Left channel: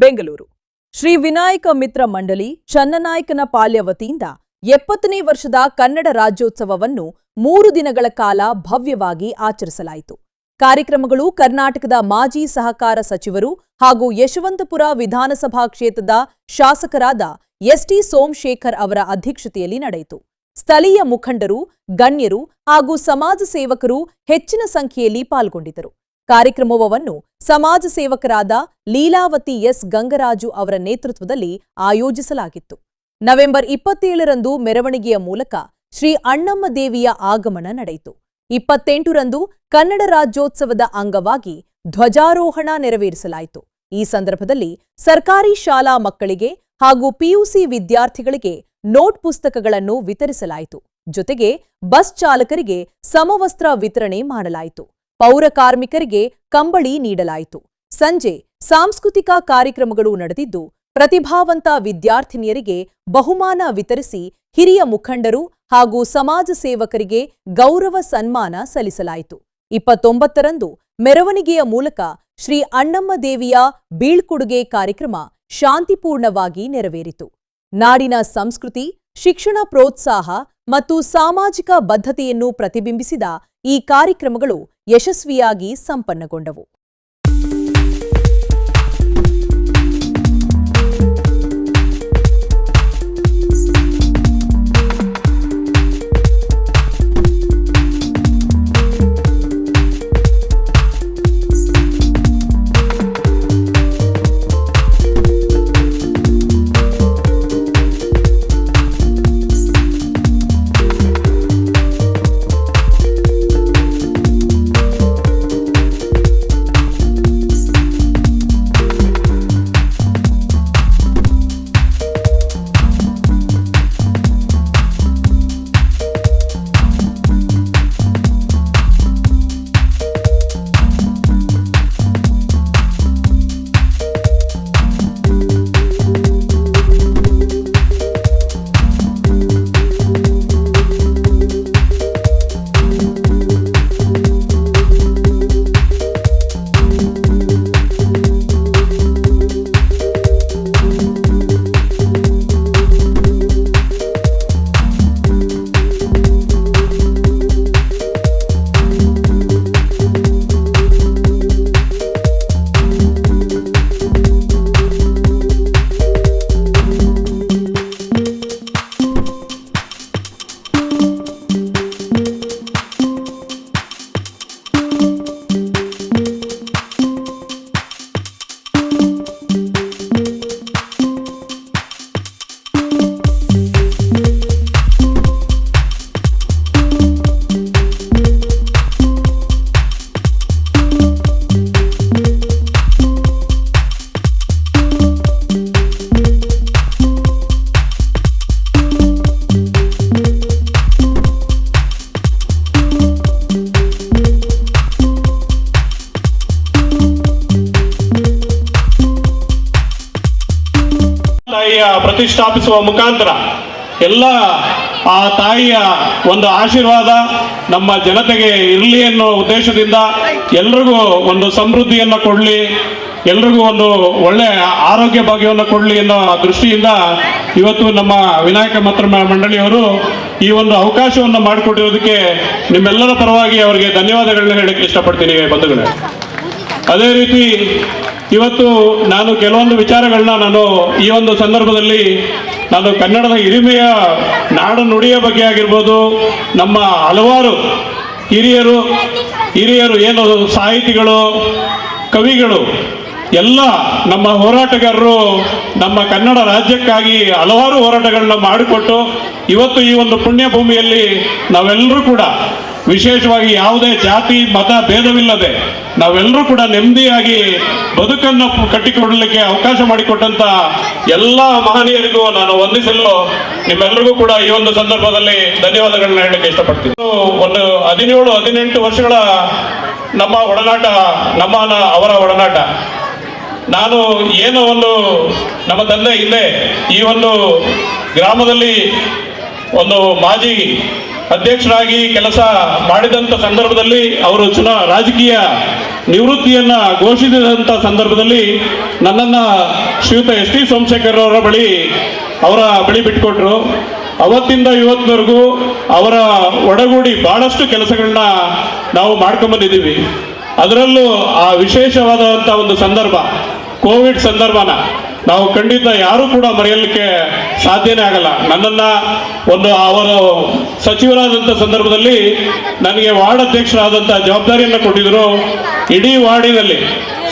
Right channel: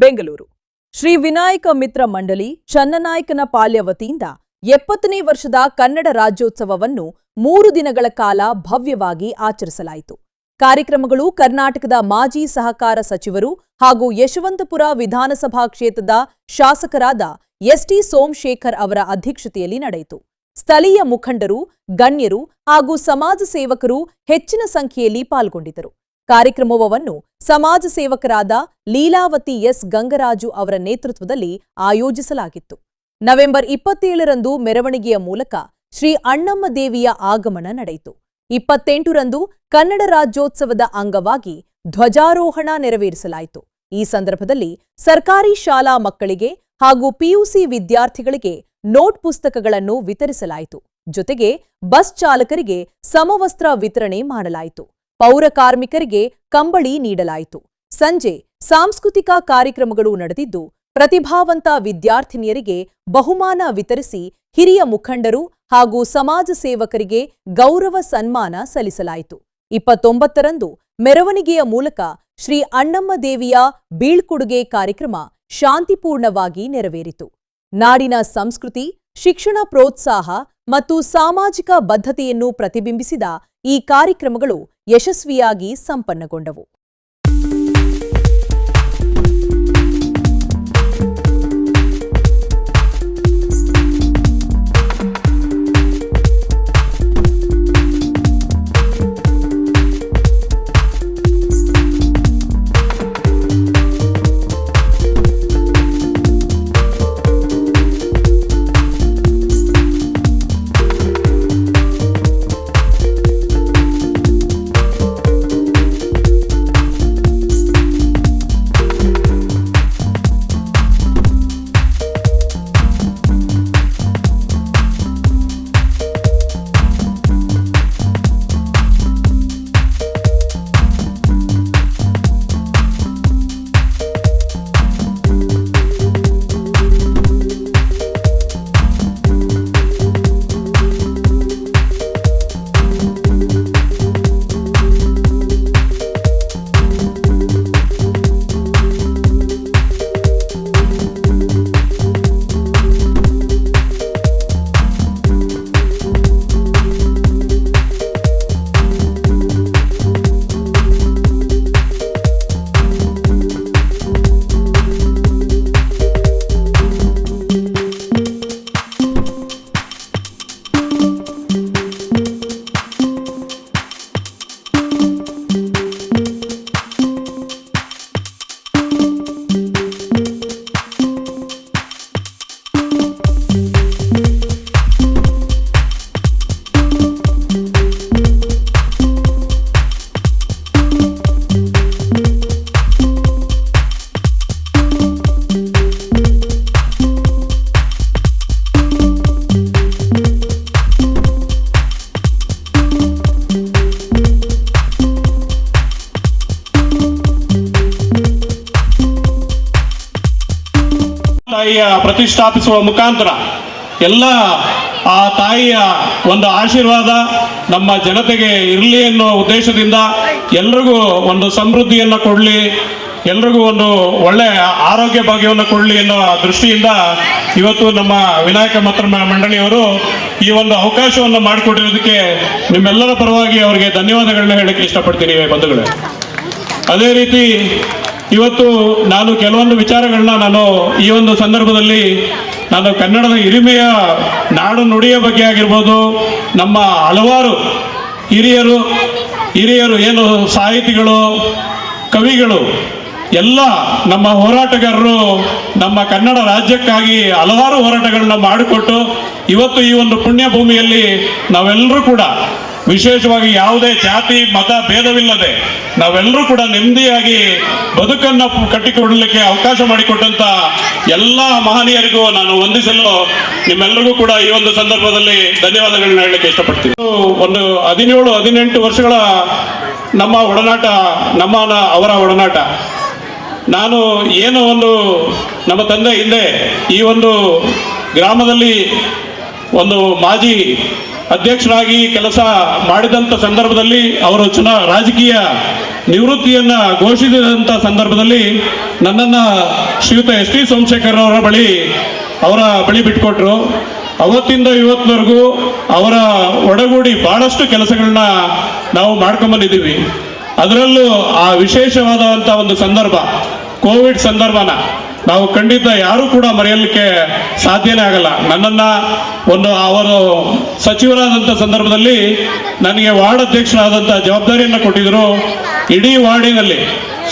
ಬೆಂಗಳೂರು. ಶ್ರೀ ವಿನಾಯಕ ಮಿತ್ರ ಮಂಡಳಿ ಚನ್ನನಾಯಕನ ಪಾಲ್ಯ ವತಿಯಿಂದ ಎಪ್ಪತ್ತನೇ ವರ್ಷದ ಕನ್ನಡ ರಾಜ್ಯೋತ್ಸವವನ್ನು ಮೂರು ದಿನಗಳ ಕಾಲ ಭವ್ಯವಾಗಿ ಆಚರಿಸಲಾಯಿತು. ಕಾರ್ಯಕ್ರಮಗಳು ಕರ್ನಾಟಕದ ಮಾಜಿ ಸಹಕಾರ ಸಚಿವರು ಹಾಗೂ ಯಶವಂತಪುರ ವಿಧಾನಸಭಾ ಕ್ಷೇತ್ರದ ಶಾಸಕರಾದ ಎಸ್ಟಿ ಸೋಮಶೇಖರ್ ಅವರ ಅಧ್ಯಕ್ಷತೆಯಲ್ಲಿ ನಡೆಯಿತು. ಸ್ಥಳೀಯ ಮುಖಂಡರು, ಗಣ್ಯರು ಹಾಗೂ ಸಮಾಜ ಸೇವಕರು ಹೆಚ್ಚಿನ ಸಂಖ್ಯೆಯಲ್ಲಿ ಪಾಲ್ಗೊಂಡಿದ್ದರು. ಕಾರ್ಯಕ್ರಮವನ್ನು ಸಮಾಜ ಸೇವಕರಾದ ಲೀಲಾವತಿ ಎಸ್. ಗಂಗರಾಜು ಅವರ ನೇತೃತ್ವದಲ್ಲಿ ಆಯೋಜಿಸಲಾಗಿತ್ತು. ನವೆಂಬರ್ ಇಪ್ಪತ್ತೇಳರಂದು ಮೆರವಣಿಗೆಯ ಮೂಲಕ ಶ್ರೀ ಅಣ್ಣಮ್ಮ ದೇವಿಯ ಆಗಮನ ನಡೆಯಿತು. ಇಪ್ಪತ್ತೆಂಟರಂದು ಕನ್ನಡ ರಾಜ್ಯೋತ್ಸವದ ಅಂಗವಾಗಿ ಧ್ವಜಾರೋಹಣ ನೆರವೇರಿಸಲಾಯಿತು. ಈ ಸಂದರ್ಭದಲ್ಲಿ ಸರ್ಕಾರಿ ಶಾಲಾ ಮಕ್ಕಳಿಗೆ ಹಾಗೂ ಪಿಯುಸಿ ವಿದ್ಯಾರ್ಥಿಗಳಿಗೆ ನೋಟ್ ಪುಸ್ತಕಗಳನ್ನು ವಿತರಿಸಲಾಯಿತು. ಜೊತೆಗೆ ಬಸ್ ಚಾಲಕರಿಗೆ ಸಮವಸ್ತ್ರ ವಿತರಣೆ ಮಾಡಲಾಯಿತು. ಪೌರ ಕಾರ್ಮಿಕರಿಗೆ ಕಂಬಳಿ ನೀಡಲಾಯಿತು. ಸಂಜೆ ಸಾಂಸ್ಕೃತಿಕ ಕಾರ್ಯಕ್ರಮಗಳು ನಡೆದಿದ್ದು, ಪ್ರತಿಭಾವಂತ ವಿದ್ಯಾರ್ಥಿನಿಯರಿಗೆ ಬಹುಮಾನ ವಿತರಿಸಿ ಹಿರಿಯ ಮುಖಂಡರು ಹಾಗೂ ಸಮಾಜ ಸೇವಕರಿಗೆ ಗೌರವ ಸನ್ಮಾನ ಸಲ್ಲಿಸಲಾಯಿತು. ಇಪ್ಪತ್ತೊಂಬತ್ತರಂದು ಮೆರವಣಿಗೆಯ ಮೂಲಕ ಶ್ರೀ ಅಣ್ಣಮ್ಮ ದೇವಿಯ ಬೀಳ್ಕೊಡುಗೆ ಕಾರ್ಯಕ್ರಮ ಶಾಂತಿಪೂರ್ಣವಾಗಿ ನೆರವೇರಿತು. ನಾಡಿನ ಸಂಸ್ಕೃತಿ, ಶಿಕ್ಷಣ ಪ್ರೋತ್ಸಾಹ ಮತ್ತು ಸಾಮಾಜಿಕ ಬದ್ಧತೆಯನ್ನು ಪ್ರತಿಬಿಂಬಿಸಿದ ಈ ಕಾರ್ಯಕ್ರಮಗಳು ಯಶಸ್ವಿಯಾಗಿ ಸಂಪನ್ನಗೊಂಡವು. ಪ್ರತಿಷ್ಠಾಪಿಸುವ ಮುಖಾಂತರ ಎಲ್ಲ ಆ ತಾಯಿಯ ಒಂದು ಆಶೀರ್ವಾದ ನಮ್ಮ ಜನತೆಗೆ ಇರಲಿ ಅನ್ನೋ ಉದ್ದೇಶದಿಂದ ಎಲ್ರಿಗೂ ಒಂದು ಸಮೃದ್ಧಿಯನ್ನು ಕೊಡಲಿ, ಎಲ್ರಿಗೂ ಒಂದು ಒಳ್ಳೆಯ ಆರೋಗ್ಯ ಭಾಗ್ಯವನ್ನು ಕೊಡಲಿ ಅನ್ನೋ ದೃಷ್ಟಿಯಿಂದ ಇವತ್ತು ನಮ್ಮ ವಿನಾಯಕ ಮತ್ರ ಮಂಡಳಿಯವರು ಈ ಒಂದು ಅವಕಾಶವನ್ನು ಮಾಡಿಕೊಟ್ಟಿರೋದಕ್ಕೆ ನಿಮ್ಮೆಲ್ಲರ ಪರವಾಗಿ ಅವರಿಗೆ ಧನ್ಯವಾದಗಳನ್ನ ಹೇಳಕ್ಕೆ ಇಷ್ಟಪಡ್ತೀನಿ ಬಂಧುಗಳೇ. ಅದೇ ರೀತಿ ಇವತ್ತು ನಾನು ಕೆಲವೊಂದು ವಿಚಾರಗಳನ್ನ ನಾನು ಈ ಒಂದು ಸಂದರ್ಭದಲ್ಲಿ ನಾನು ಕನ್ನಡದ ಹಿರಿಮೆಯ ನಾಡು ನುಡಿಯ ಬಗ್ಗೆ ಆಗಿರ್ಬೋದು, ನಮ್ಮ ಹಲವಾರು ಹಿರಿಯರು ಹಿರಿಯರು ಏನು ಸಾಹಿತಿಗಳು, ಕವಿಗಳು, ಎಲ್ಲ ನಮ್ಮ ಹೋರಾಟಗಾರರು ನಮ್ಮ ಕನ್ನಡ ರಾಜ್ಯಕ್ಕಾಗಿ ಹಲವಾರು ಹೋರಾಟಗಳನ್ನ ಮಾಡಿಕೊಟ್ಟು ಇವತ್ತು ಈ ಒಂದು ಪುಣ್ಯ ಭೂಮಿಯಲ್ಲಿ ನಾವೆಲ್ಲರೂ ಕೂಡ ವಿಶೇಷವಾಗಿ ಯಾವುದೇ ಜಾತಿ, ಮತ ಭೇದವಿಲ್ಲದೆ ನಾವೆಲ್ಲರೂ ಕೂಡ ನೆಮ್ಮದಿಯಾಗಿ ಬದುಕನ್ನು ಕಟ್ಟಿಕೊಡಲಿಕ್ಕೆ ಅವಕಾಶ ಮಾಡಿಕೊಟ್ಟಂತ ಎಲ್ಲ ಮಹನೀಯರಿಗೂ ನಾನು ವಂದಿಸಲು ನಿಮ್ಮೆಲ್ಲರಿಗೂ ಕೂಡ ಈ ಒಂದು ಸಂದರ್ಭದಲ್ಲಿ ಧನ್ಯವಾದಗಳನ್ನ ಹೇಳಲಿಕ್ಕೆ ಇಷ್ಟಪಡ್ತೀನಿ. ಒಂದು ಹದಿನೇಳು, ಹದಿನೆಂಟು ವರ್ಷಗಳ ನಮ್ಮ ಒಡನಾಟ ನಮ್ಮ ಅವರ ಒಡನಾಟ. ನಾನು ಏನು ಒಂದು ನಮ್ಮ ತಂದೆ ಹಿಂದೆ ಈ ಒಂದು ಗ್ರಾಮದಲ್ಲಿ ಒಂದು ಮಾಜಿ ಅಧ್ಯಕ್ಷರಾಗಿ ಕೆಲಸ ಮಾಡಿದಂಥ ಸಂದರ್ಭದಲ್ಲಿ ಅವರು ಚುನಾ, ರಾಜಕೀಯ ನಿವೃತ್ತಿಯನ್ನ ಘೋಷಿಸಿದಂಥ ಸಂದರ್ಭದಲ್ಲಿ ನನ್ನನ್ನು ಶ್ರೀಯುತ ಎಸ್ ಟಿ ಸೋಮಶೇಖರ್ ಅವರ ಬಳಿ ಅವರ ಬಳಿ ಬಿಟ್ಕೊಟ್ರು. ಅವತ್ತಿಂದ ಇವತ್ತಿನವರೆಗೂ ಅವರ ಒಡಗೂಡಿ ಬಹಳಷ್ಟು ಕೆಲಸಗಳನ್ನ ನಾವು ಮಾಡ್ಕೊಂಬಂದಿದ್ದೀವಿ. ಅದರಲ್ಲೂ ಆ ವಿಶೇಷವಾದಂಥ ಒಂದು ಸಂದರ್ಭ, ಕೋವಿಡ್ ಸಂದರ್ಭನ. ನಾವು ಖಂಡಿತ ಯಾರು ಕೂಡ ಮರೆಯಲಿಕ್ಕೆ ಸಾಧ್ಯನೇ ಆಗಲ್ಲ. ನನ್ನನ್ನ ಒಂದು ಅವರು ಸಚಿವರಾದಂಥ ಸಂದರ್ಭದಲ್ಲಿ ನನಗೆ ವಾರ್ಡ್ ಅಧ್ಯಕ್ಷರಾದಂಥ ಜವಾಬ್ದಾರಿಯನ್ನು ಕೊಟ್ಟಿದ್ರು. ಇಡೀ ವಾರ್ಡಿನಲ್ಲಿ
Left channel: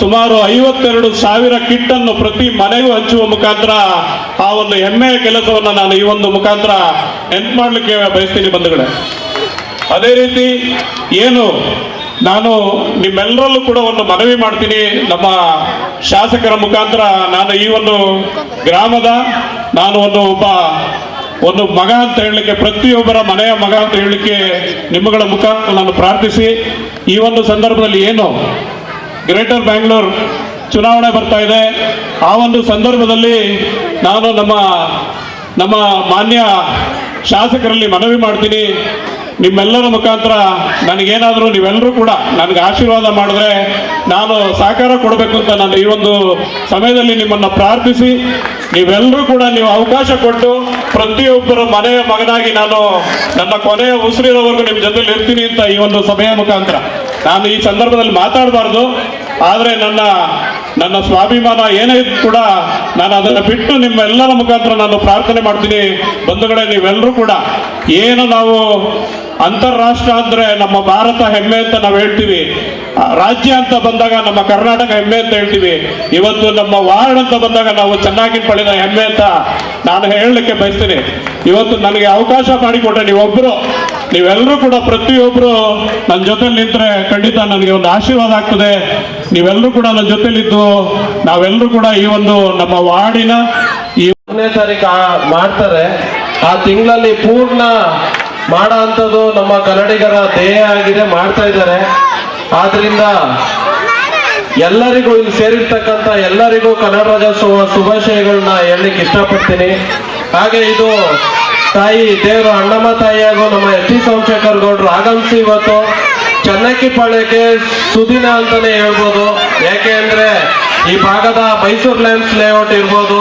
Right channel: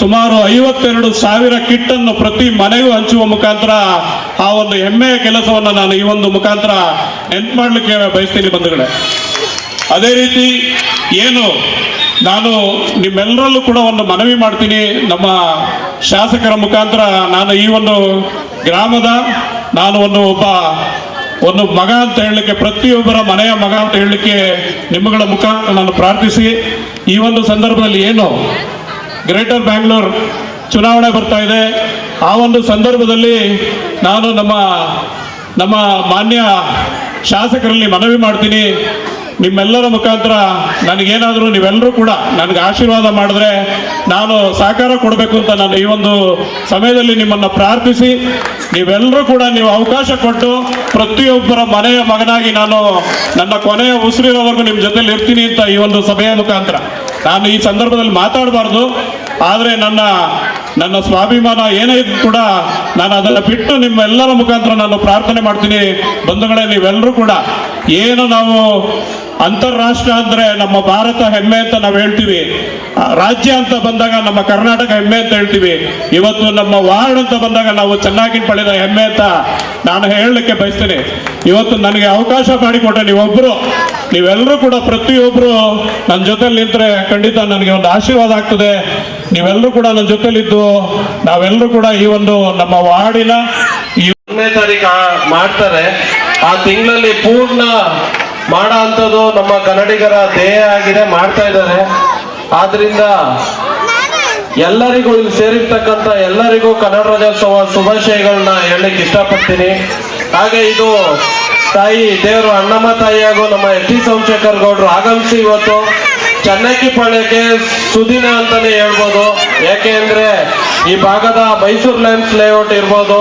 ಸುಮಾರು ಐವತ್ತೆರಡು ಸಾವಿರ ಕಿಟ್ಟನ್ನು ಪ್ರತಿ ಮನೆಗೂ ಹಂಚುವ ಮುಖಾಂತರ ಆ ಒಂದು ಹೆಮ್ಮೆಯ ಕೆಲಸವನ್ನು ನಾನು ಈ ಒಂದು ಮುಖಾಂತರ ನೆನ್ಪು ಮಾಡಲಿಕ್ಕೆ ಬಯಸ್ತೀನಿ ಬಂಧುಗಳೇ. ಅದೇ ರೀತಿ ಏನು ನಾನು ನಿಮ್ಮೆಲ್ಲರಲ್ಲೂ ಕೂಡ ಒಂದು ಮನವಿ ಮಾಡ್ತೀನಿ. ನಮ್ಮ ಶಾಸಕರ ಮುಖಾಂತರ ನಾನು ಈ ಒಂದು ಗ್ರಾಮದ, ನಾನು ಒಂದು ಒಬ್ಬ, ಒಂದು ಮಗ ಅಂತ ಹೇಳಲಿಕ್ಕೆ, ಪ್ರತಿಯೊಬ್ಬರ ಮನೆಯ ಮಗ ಅಂತ ಹೇಳಲಿಕ್ಕೆ ನಿಮ್ಮಗಳ ಮುಖಾಂತರ ನಾನು ಪ್ರಾರ್ಥಿಸಿ. ಈ ಒಂದು ಸಂದರ್ಭದಲ್ಲಿ ಏನು ಗ್ರೇಟರ್ ಬ್ಯಾಂಗ್ಳೂರ್ ಚುನಾವಣೆ ಬರ್ತಾ ಇದೆ. ಆ ಒಂದು ಸಂದರ್ಭದಲ್ಲಿ ನಾನು ನಮ್ಮ ನಮ್ಮ ಮಾನ್ಯ ಶಾಸಕರಲ್ಲಿ ಮನವಿ ಮಾಡ್ತೀನಿ. ನಿಮ್ಮೆಲ್ಲರ ಮುಖಾಂತರ ನನಗೇನಾದರೂ ನೀವೆಲ್ಲರೂ ಕೂಡ ನನಗೆ ಆಶೀರ್ವಾದ ಮಾಡಿದ್ರೆ ನಾನು ಸಹಕಾರ ಕೊಡಬೇಕು ಅಂತ ನಾನು ಈ ಒಂದು ಸಮಯದಲ್ಲಿ ನಿಮ್ಮನ್ನು ಪ್ರಾರ್ಥಿಸಿ. ನೀವೆಲ್ಲರೂ ಕೂಡ ನೀವು ಅವಕಾಶ ಕೊಟ್ಟು ಪ್ರತಿಯೊಬ್ಬರ ಮನೆಯ ಮಗನಾಗಿ ನಾನು ನನ್ನ ಕೊನೆಯ ಉಸಿರಿರೋವರೆಗೂ ನಿಮ್ಮ ಜೊತೆಲಿ ಇರ್ತೀನಿ ಅಂತ ಈ ಒಂದು ಸಭೆಯ ಮುಖಾಂತರ. ನಾನು ಈ ಸಂದರ್ಭದಲ್ಲಿ ಮಾತಾಡಬಾರ್ದು, ಆದರೆ ನನ್ನ ನನ್ನ ಸ್ವಾಭಿಮಾನ ಏನೇ ಇದ್ರು ಕೂಡ ನಾನು ಅದನ್ನು ಬಿಟ್ಟು ನಿಮ್ಮೆಲ್ಲರ ಮುಖಾಂತರ ನಾನು ಪ್ರಾರ್ಥನೆ ಮಾಡ್ತೀನಿ. ಬಂಧುಗಳೇ, ನೀವೆಲ್ಲರೂ ಕೂಡ ಏನು ನಾವು ಅಂತಾರಾಷ್ಟ್ರ ಅಂದ್ರೆ ನಮ್ಮ ಭಾರತ ಹೆಮ್ಮೆ ಅಂತ ನಾವು ಹೇಳ್ತೀವಿ. ರಾಜ್ಯ ಅಂತ ಬಂದಾಗ ನಮ್ಮ ಕರ್ನಾಟಕ ಹೆಮ್ಮೆ ಅಂತ ಹೇಳ್ತೀವಿ. ಇವತ್ತು ನಮ್ಮ ವಾರ್ಡ್ ಅಂತ ಬಂದಾಗ ನಾವು ಚೆನ್ನಾಗಿ ಪಡೆದ ಹೆಮ್ಮೆ ಅಂತ ನಾನು ಹೇಳಲಿಕ್ಕೆ ಬಯಸ್ತೀನಿ. ಇವತ್ತು ನನಗೆ ಅವಕಾಶ ಮಾಡಿಕೊಟ್ಟೆ ನೀವೊಬ್ಬರು ನೀವೆಲ್ಲರೂ ಕೂಡ ಪ್ರತಿಯೊಬ್ಬರು ನನ್ನ ಜೊತೆಲಿ ನಿಂತರೆ ಖಂಡಿತ ನನಗೆ ಒಂದು ಆಶೀರ್ವಾದ ಆಗ್ತದೆ. ನೀವೆಲ್ಲರೂ ಕೂಡ ನನ್ನ ಜೊತೆಲಿದ್ದು ನಾವೆಲ್ಲರೂ ಕೂಡ ಈ ಒಂದು ನಮ್ಮ ವಾರ್ಡಿನ ಈ ಒಂದನೇ ತಾರೀಕು ಮಾಡ್ತಾರೆ. ಆ ತಿಂಗಳಲ್ಲಿ ಪೂರ್ಣ ಮಾಡೋ ನಮ್ಮ ಕನ್ನಡಿಗರ ಧ್ಯೇಯ ಆಗಿದೆ, ಮಾಡ್ತಾ ಇದ್ದಾರೆ. ಆದ್ರಿಂದ ಎಲ್ಲರಿಗೂ ಇಲ್ಲಿ ಸೇರಿರ್ತಕ್ಕಂಥ ಎಲ್ಲರಿಗೂ ಕನ್ನಡ ರಾಜ್ಯೋತ್ಸವ ಶುಭಾಶಯಗಳನ್ನ ಹೇಳಲಿಕ್ಕೆ ಇಷ್ಟಪಡ್ತೀನಿ. ಹಾಗೆ ಇದು ತಾಯಿ ದೇವರು ಅಣ್ಣಮ್ಮ ತಾಯಿ ಹಾಗೂ ನಮ್ಮ ಎಸ್ ಟಿ ಸೋಮಶೇಖರ್ ಗೌಡ್ರು ಆಗಮಿಸಿ ಇವತ್ತು ಚನ್ನಕ್ಕಿಪಾಳ್ಯಕ್ಕೆ ಸುದಿನ ಅಂತಾನೆ ಹೇಳ್ಬೋದು. ಯಾಕೆ ಅಂದ್ರೆ ಈ ಭಾಗದ ಮೈಸೂರು ಲೈನ್ಸ್ ಲೇಔಟ್ ಇರ್ಬೋದು,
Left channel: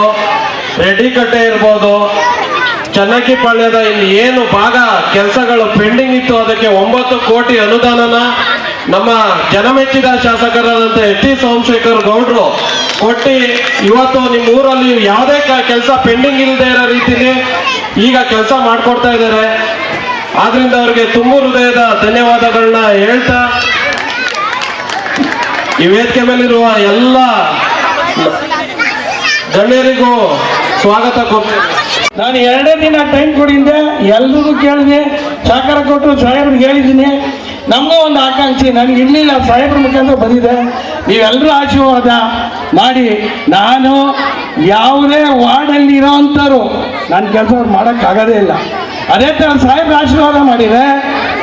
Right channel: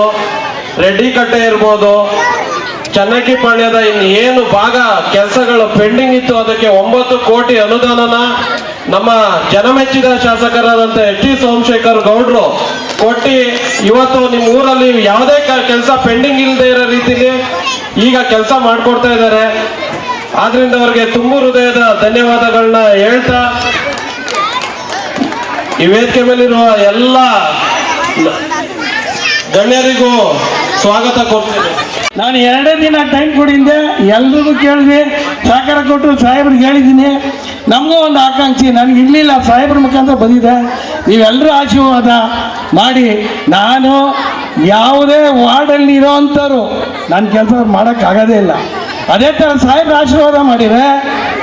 ರೆಡ್ಡಿ ಕಟ್ಟೆ ಇರ್ಬೋದು ಚನ್ನಕ್ಕಿಪಾಳ್ಯದ ಇನ್ನು ಏನು ಭಾಗ ಕೆಲಸಗಳು ಪೆಂಡಿಂಗ್ ಇತ್ತು, ಅದಕ್ಕೆ ಒಂಬತ್ತು ಕೋಟಿ ಅನುದಾನನ ನಮ್ಮ ಜನಮೆಚ್ಚಿದ ಶಾಸಕರಾದಂಥ ಎಚ್ ಟಿ ಸೋಮಶೇಖರ್ ಗೌಡ್ರು ಕೊಟ್ಟು, ಇವತ್ತು ನಿಮ್ಮ ಊರಲ್ಲಿ ಯಾವುದೇ ಕೆಲಸ ಪೆಂಡಿಂಗ್ ಇಲ್ಲದೆ ಇರೋ ರೀತಿಲಿ ಈಗ ಕೆಲಸ ಮಾಡಿಕೊಡ್ತಾ ಇದ್ದಾರೆ. ಆದ್ರಿಂದ ಅವ್ರಿಗೆ ತುಂಬು ಹೃದಯದ ಧನ್ಯವಾದಗಳನ್ನ ಹೇಳ್ತಾ, ಈ ವೇದಿಕೆ ಮೇಲಿರುವ ಎಲ್ಲ ಗಣ್ಯರಿಗೂ ಸ್ವಾಗತ ಕೊಡ್ತೀನಿ ನಾನು ಎರಡೇ ದಿನ ಟೈಮ್ ಕೊಡಿದ್ದೆ, ಎಲ್ರಿಗೂ ಕೇಳಿದೆ ಸಹಕಾರ ಕೊಟ್ಟರು, ಸಾಹೇಬ್ರಿಗೆ ಹೇಳಿದ್ದೀನಿ. ನಮಗೂ ಒಂದು ಆಕಾಂಕ್ಷೆ, ನನಗೆ ಇರಲಿಲ್ಲ, ಸಾಹೇಬ್ರ ಮುಖಾಂತರ ಬಂದಿದೆ. ನೀವೆಲ್ಲರೂ ಆಶೀರ್ವಾದ ಮಾಡಿ. ನಾನು ಯಾವುದೇ ವಾರ್ಡಲ್ಲಿ ಇರೋವಂಥವ್ರು ನನ್ನ ಕೆಲಸ ಮಾಡೋಕ್ಕಾಗೋದೇ ಇಲ್ಲ. ಅದೇ ಥರ ಸಾಹೇಬ್ರ ಆಶೀರ್ವಾದ ಮಾಡಿದರೆ,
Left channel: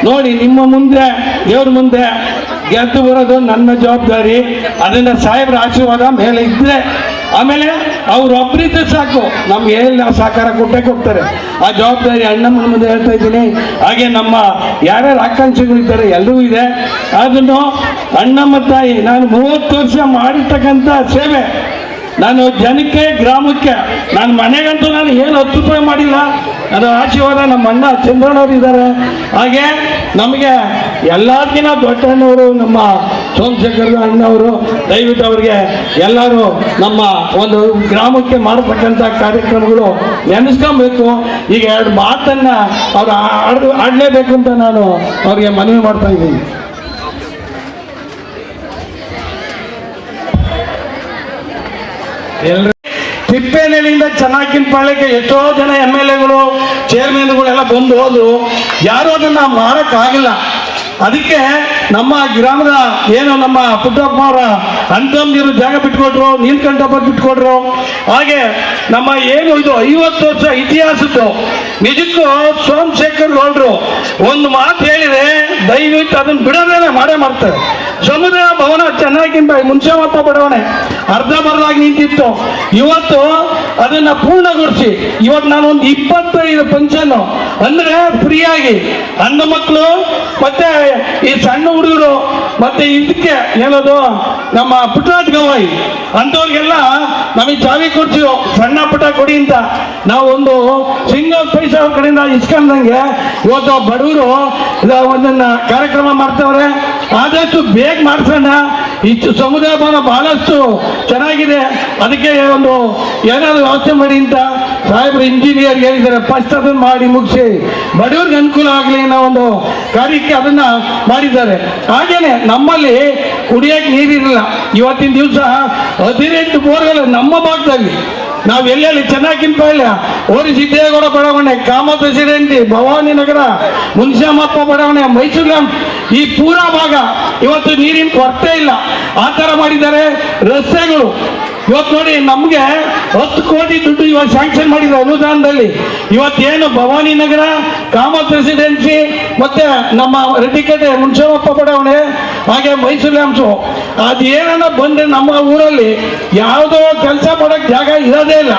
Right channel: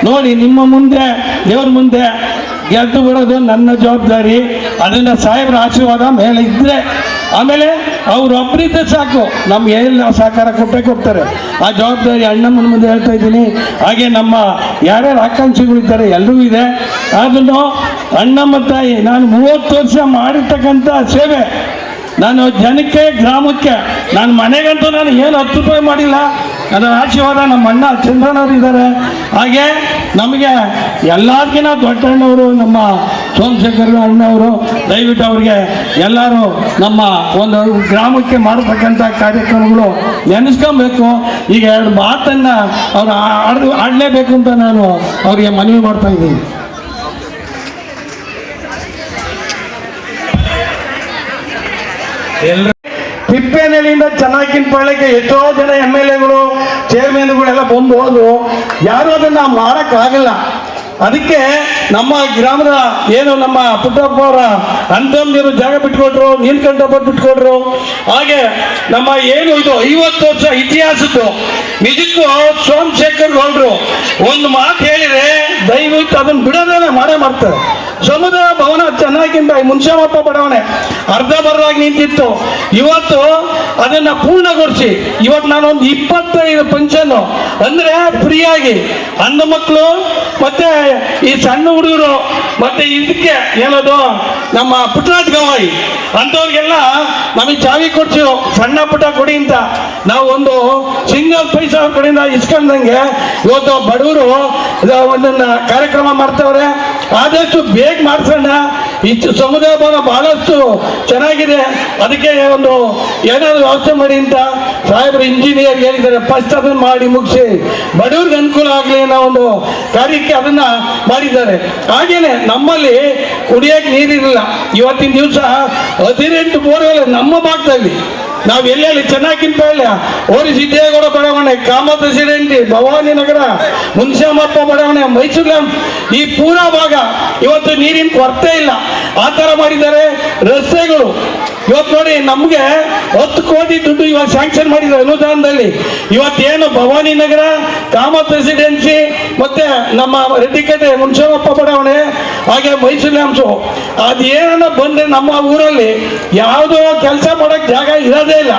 ನೋಡಿ, ನಿಮ್ಮ ಮುಂದೆ, ದೇವ್ರ ಮುಂದೆ ಗೆದ್ದು ಬರೋದು ನನ್ನ ಜವಾಬ್ದಾರಿ. ಅದನ್ನು ಸಾಹೇಬ್ರ ಆಶೀರ್ವಾದ ಮೇಲೆ ಇದ್ದರೆ ಆಮೇಲೆ ಅವ್ರೊಬ್ಬರಿದ್ದೆ ಸಾಕು. ನಮ್ಗೆ ಏನು ಸಹಕಾರ ಕೊಟ್ಟಕ್ಕೆ ಹೋಗ್ತಾರೆ. ಆ ಜವಾಬ್ದಾರಿ ಅಣ್ಣಮ್ಮನ ಮುಂದೆ ಹೇಳ್ತಾ ಇದ್ದೀನಿ. ಹಾಗೆ ನಮ್ಮ ಯಾರ್ಯಾರು ಆಕಾಂಕ್ಷಿಗಳಿದ್ದಾರೆ ಎಲ್ಲರೂ ಇದೆ. ಅದನ್ನು ಅಣ್ಣಮ್ಮ ತಾಯಿ, ನಾನು ಮೂವತ್ತು ವರ್ಷ ಮಾಡಿರ್ತಕ್ಕಂಥ ಸೇವೆ ನಾನು ಜನಕ್ಕೆ, ಗ್ರಾಮಕ್ಕೆ, ನಾನು ಮನೆಗಂತೂ ನಾನು ಏನು ಹತ್ತು ರೂಪಾಯಿ ಮಾಡಿಲ್ಲ. ಅದರ ಆಶೀರ್ವಾದ ನಮ್ಮ ಅಣ್ಣ ಚಂದ್ರಣ್ಣವ್ರು ಇದ್ದಾರೆ. ಹಾಗೆ ನಮಗೆ ಎಲ್ಲರಿಗಿನ ದೊಡ್ಡಣ್ಣವರು, ನಮ್ಮ ಸೋಮಶೇಖರ್ ಅಣ್ಣವರು, ದಯವಿಟ್ಟು ಅವ್ರಿಗೆ ಎಲ್ಲರೂ ನಮ್ಮ ಒಂದು ಗ್ರಾಮಕ್ಕೆ ಮಾಡತಕ್ಕಂಥ ಕಾರ್ಯಕ್ರಮಗಳು ನೆನೆಸ್ಕೊಬೇಕು. ಈಗ ಎರಡು ಮಾತನ್ನ ಅವ್ರು ಆಡ್ ಆಡಲೇಬೇಕು ಅಂತ ನಾನು ಅವರಿಗೆ ಮನವಿ ಮಾಡ್ತಾ ಇದ್ದೀನಿ. ತಿಪ್ಪೇನಹಳ್ಳಿಯಿಂದ ಚೆನ್ನಾಗಿನ ಪಳ್ಳಕ್ಕೆ ಎಷ್ಟೋ ಜನ ಎಂ ಎಲ್ ಎಗಳು ಚೇರ್ಮನ್ಗಳೆಲ್ಲ ಬಂದು ಹೋದ್ರು. ಯಾರು ಅದನ್ನ ಮಾಡೋಕ್ಕಾಗಲ್ಲ ಅದಕ್ಕೆ ನಮ್ಮ ಗ್ರಾಮದ ಏನು ನಮ್ಮ ಪುಟ್ಟಪ್ಪ ಅವರ ಅಂತಂದಿರು ಜಾಗ ಬಿಟ್ಕೊಟ್ರು ನೀಲ್ಕಂಠಪ್ಪ ಬಿಟ್ಕೊಟ್ರು. ಹಾಗೆ ನಮ್ಮ ಏನು ಇದು ಐವತ್ತು ವರ್ಷ ಇತಿಹಾಸದ್ದು, ನಿಜಕ್ಕೂ ಸೋಮಶೇಖರ್ ಗೌಡ್ರು ಒಂದು ಮಾತು ಹೇಳಿದ್ರೆ ದಯವಿಟ್ಟು ಅದನ್ನ ಬಿಡೋದೇನೆ ಮಾಡೇ ಮಾಡ್ತಾರೆ. ಸಮುದಾಯ ಭವನ ಚೆನ್ನಾಗಿಂದ ಮುನ್ಸಮಪ್ಪ ಬಡಾವಣೆ ಅರ್ಧ ಬರ್ದಾಗಿ ನಿಂತಿತ್ತು. ಇವತ್ತು ಅದು ಅದನ್ನ ಪೂರ್ಣಗೊಳಿಸಿ ಇವತ್ತು ನಾನು ಒಂದು ಇಪ್ಪತ್ತೈದು ಫಂಕ್ಷನ್ ಅಂದ್ರೆ ಫ್ರೀಯಾಗಿ ಹೆಣ್ಣು ಮಕ್ಕಳು ಮತ್ತೆ ಈ ಸಣ್ಣ ಹುಡುಗರು, ಮತ್ತೆ ಇದಕ್ಕೆ ಏನದು, ನಮ್ಮ ಪುಟ್ಟರಾಜ್ ಗವಾಯಿ ಅಂತವ್ರಿಗೆಲ್ಲ ನಮಗೆ ಚಾವಿ ಕೊಡ್ಸಿರೋ ಸಣ್ಣ ಪುಟ್ಟ ಕೊಡಿ ಅಂತ ನಾವೊಂದು ಸಿಂಗಲ್ ಪೈಸಾ ಕಡೆಯಿಂದ ಇಸ್ಕೊಂಡಂಗೆ ಇವತ್ತು ಬಡವರು ಒಂದನ್ನ ಕಾರ್ಯಕ್ರಮ ಮಾಡ್ತವ್ರೆ. ಆದಷ್ಟು ಬೇಗ ಮಾಡ್ಸೋಣ. ಇಷ್ಟು ಸಮುದಾಯ ಭವನ ಬಹಳಷ್ಟು ಚೆನ್ನಾಗಿದೆ. ಅದಕ್ಕೆ ಒಂದು ಏನಾದ್ರು ವ್ಯವಸ್ಥೆ ಮಾಡಿ ಅಂತ ಸಾಹೇಬರು ಇಂಜಿನಿಯರ್ ಹೇಳಿದ್ದಾರೆ. ಫಸ್ಟ್ ಅದನ್ನ ಮಾಡಿ ಮುಗಿಸಿ. ಬಡವ್ರಿಗೆ ಅನುಕೂಲ ಆಗಲಿ ಅನ್ನೋ ಒಂದು ಕಾರ್ಯಕ್ಕೆ ಅದನ್ನ ಮಾಡಿದ್ದಾರೆ. ಹಾಗೇನೆ ನಮ್ಮಲ್ಲಿ ಕುಡಿಯಕ್ಕೆ ನೀರಿರಲಿಲ್ಲ ಇವತ್ತಿನ ದಿವಸ ಹದಿನೆಂಟು ಬೋರ್ವೆಲ್ ನಮ್ಮ ಭಾಗದಲ್ಲಿ. ನಾವು ಎಲ್ಲೆಲ್ಲಿ ಚೆನ್ನಾಗಿಂಪಾಳ್ಯ ಓರಿ ಸಿದ್ದೇಗೌಡ ಬಡಾವಣೆ ಕಾಮ ಪ್ರೆಸಿಡೆಂಟ್ ಭವಾನಿ ನಗರ ಮುನ್ಸಾಮಪ್ಪ ಬಡಾವಣೆ, ಮೈಸೂರು ಈ ಪೂರಾ ಭಾಗ ಇವತ್ತು ನೀರಿನ ಕೊರತೆ ಇಲ್ಲ. ಆ ಥರ ಮಾಡಿದ್ದಾರೆ ರಸ್ತೆಗಳು. ಇವತ್ತು ನೋಡಿ, ನಮಗೆ ಹತ್ತು ಕೋಟಿ ದುಡ್ಡು ಇವಾಗ ಸ್ಯಾಂಕ್ಷನ್ ಮಾಡಿದ್ರು ಅನುದಾನದಲ್ಲಿ ಇವತ್ತೇನು ಭವಾನಿ ನಗರ ಕಾಮ ರೆಸಿಡೆನ್ಸಿ ಮತ್ತೆ ನಮ್ಮ ರೆಡ್ಡಿಕೇಟೆ ಮುನ್ಸಮಪ್ಪ ಬಡಾವಣೆ, ಹಾಗೆ ಮೈಸೂರು ಅಂಶು ಅದೇನ ಬಂದ್ರೆ ನಮ್ಮ ಊರಲ್ಲಿ ಯಾವುದೋ ಕೆಲಸ ಮಾಡೋಕ್ಕೆ ಜಾಗ ಇರೋದೇ ಇಲ್ಲ.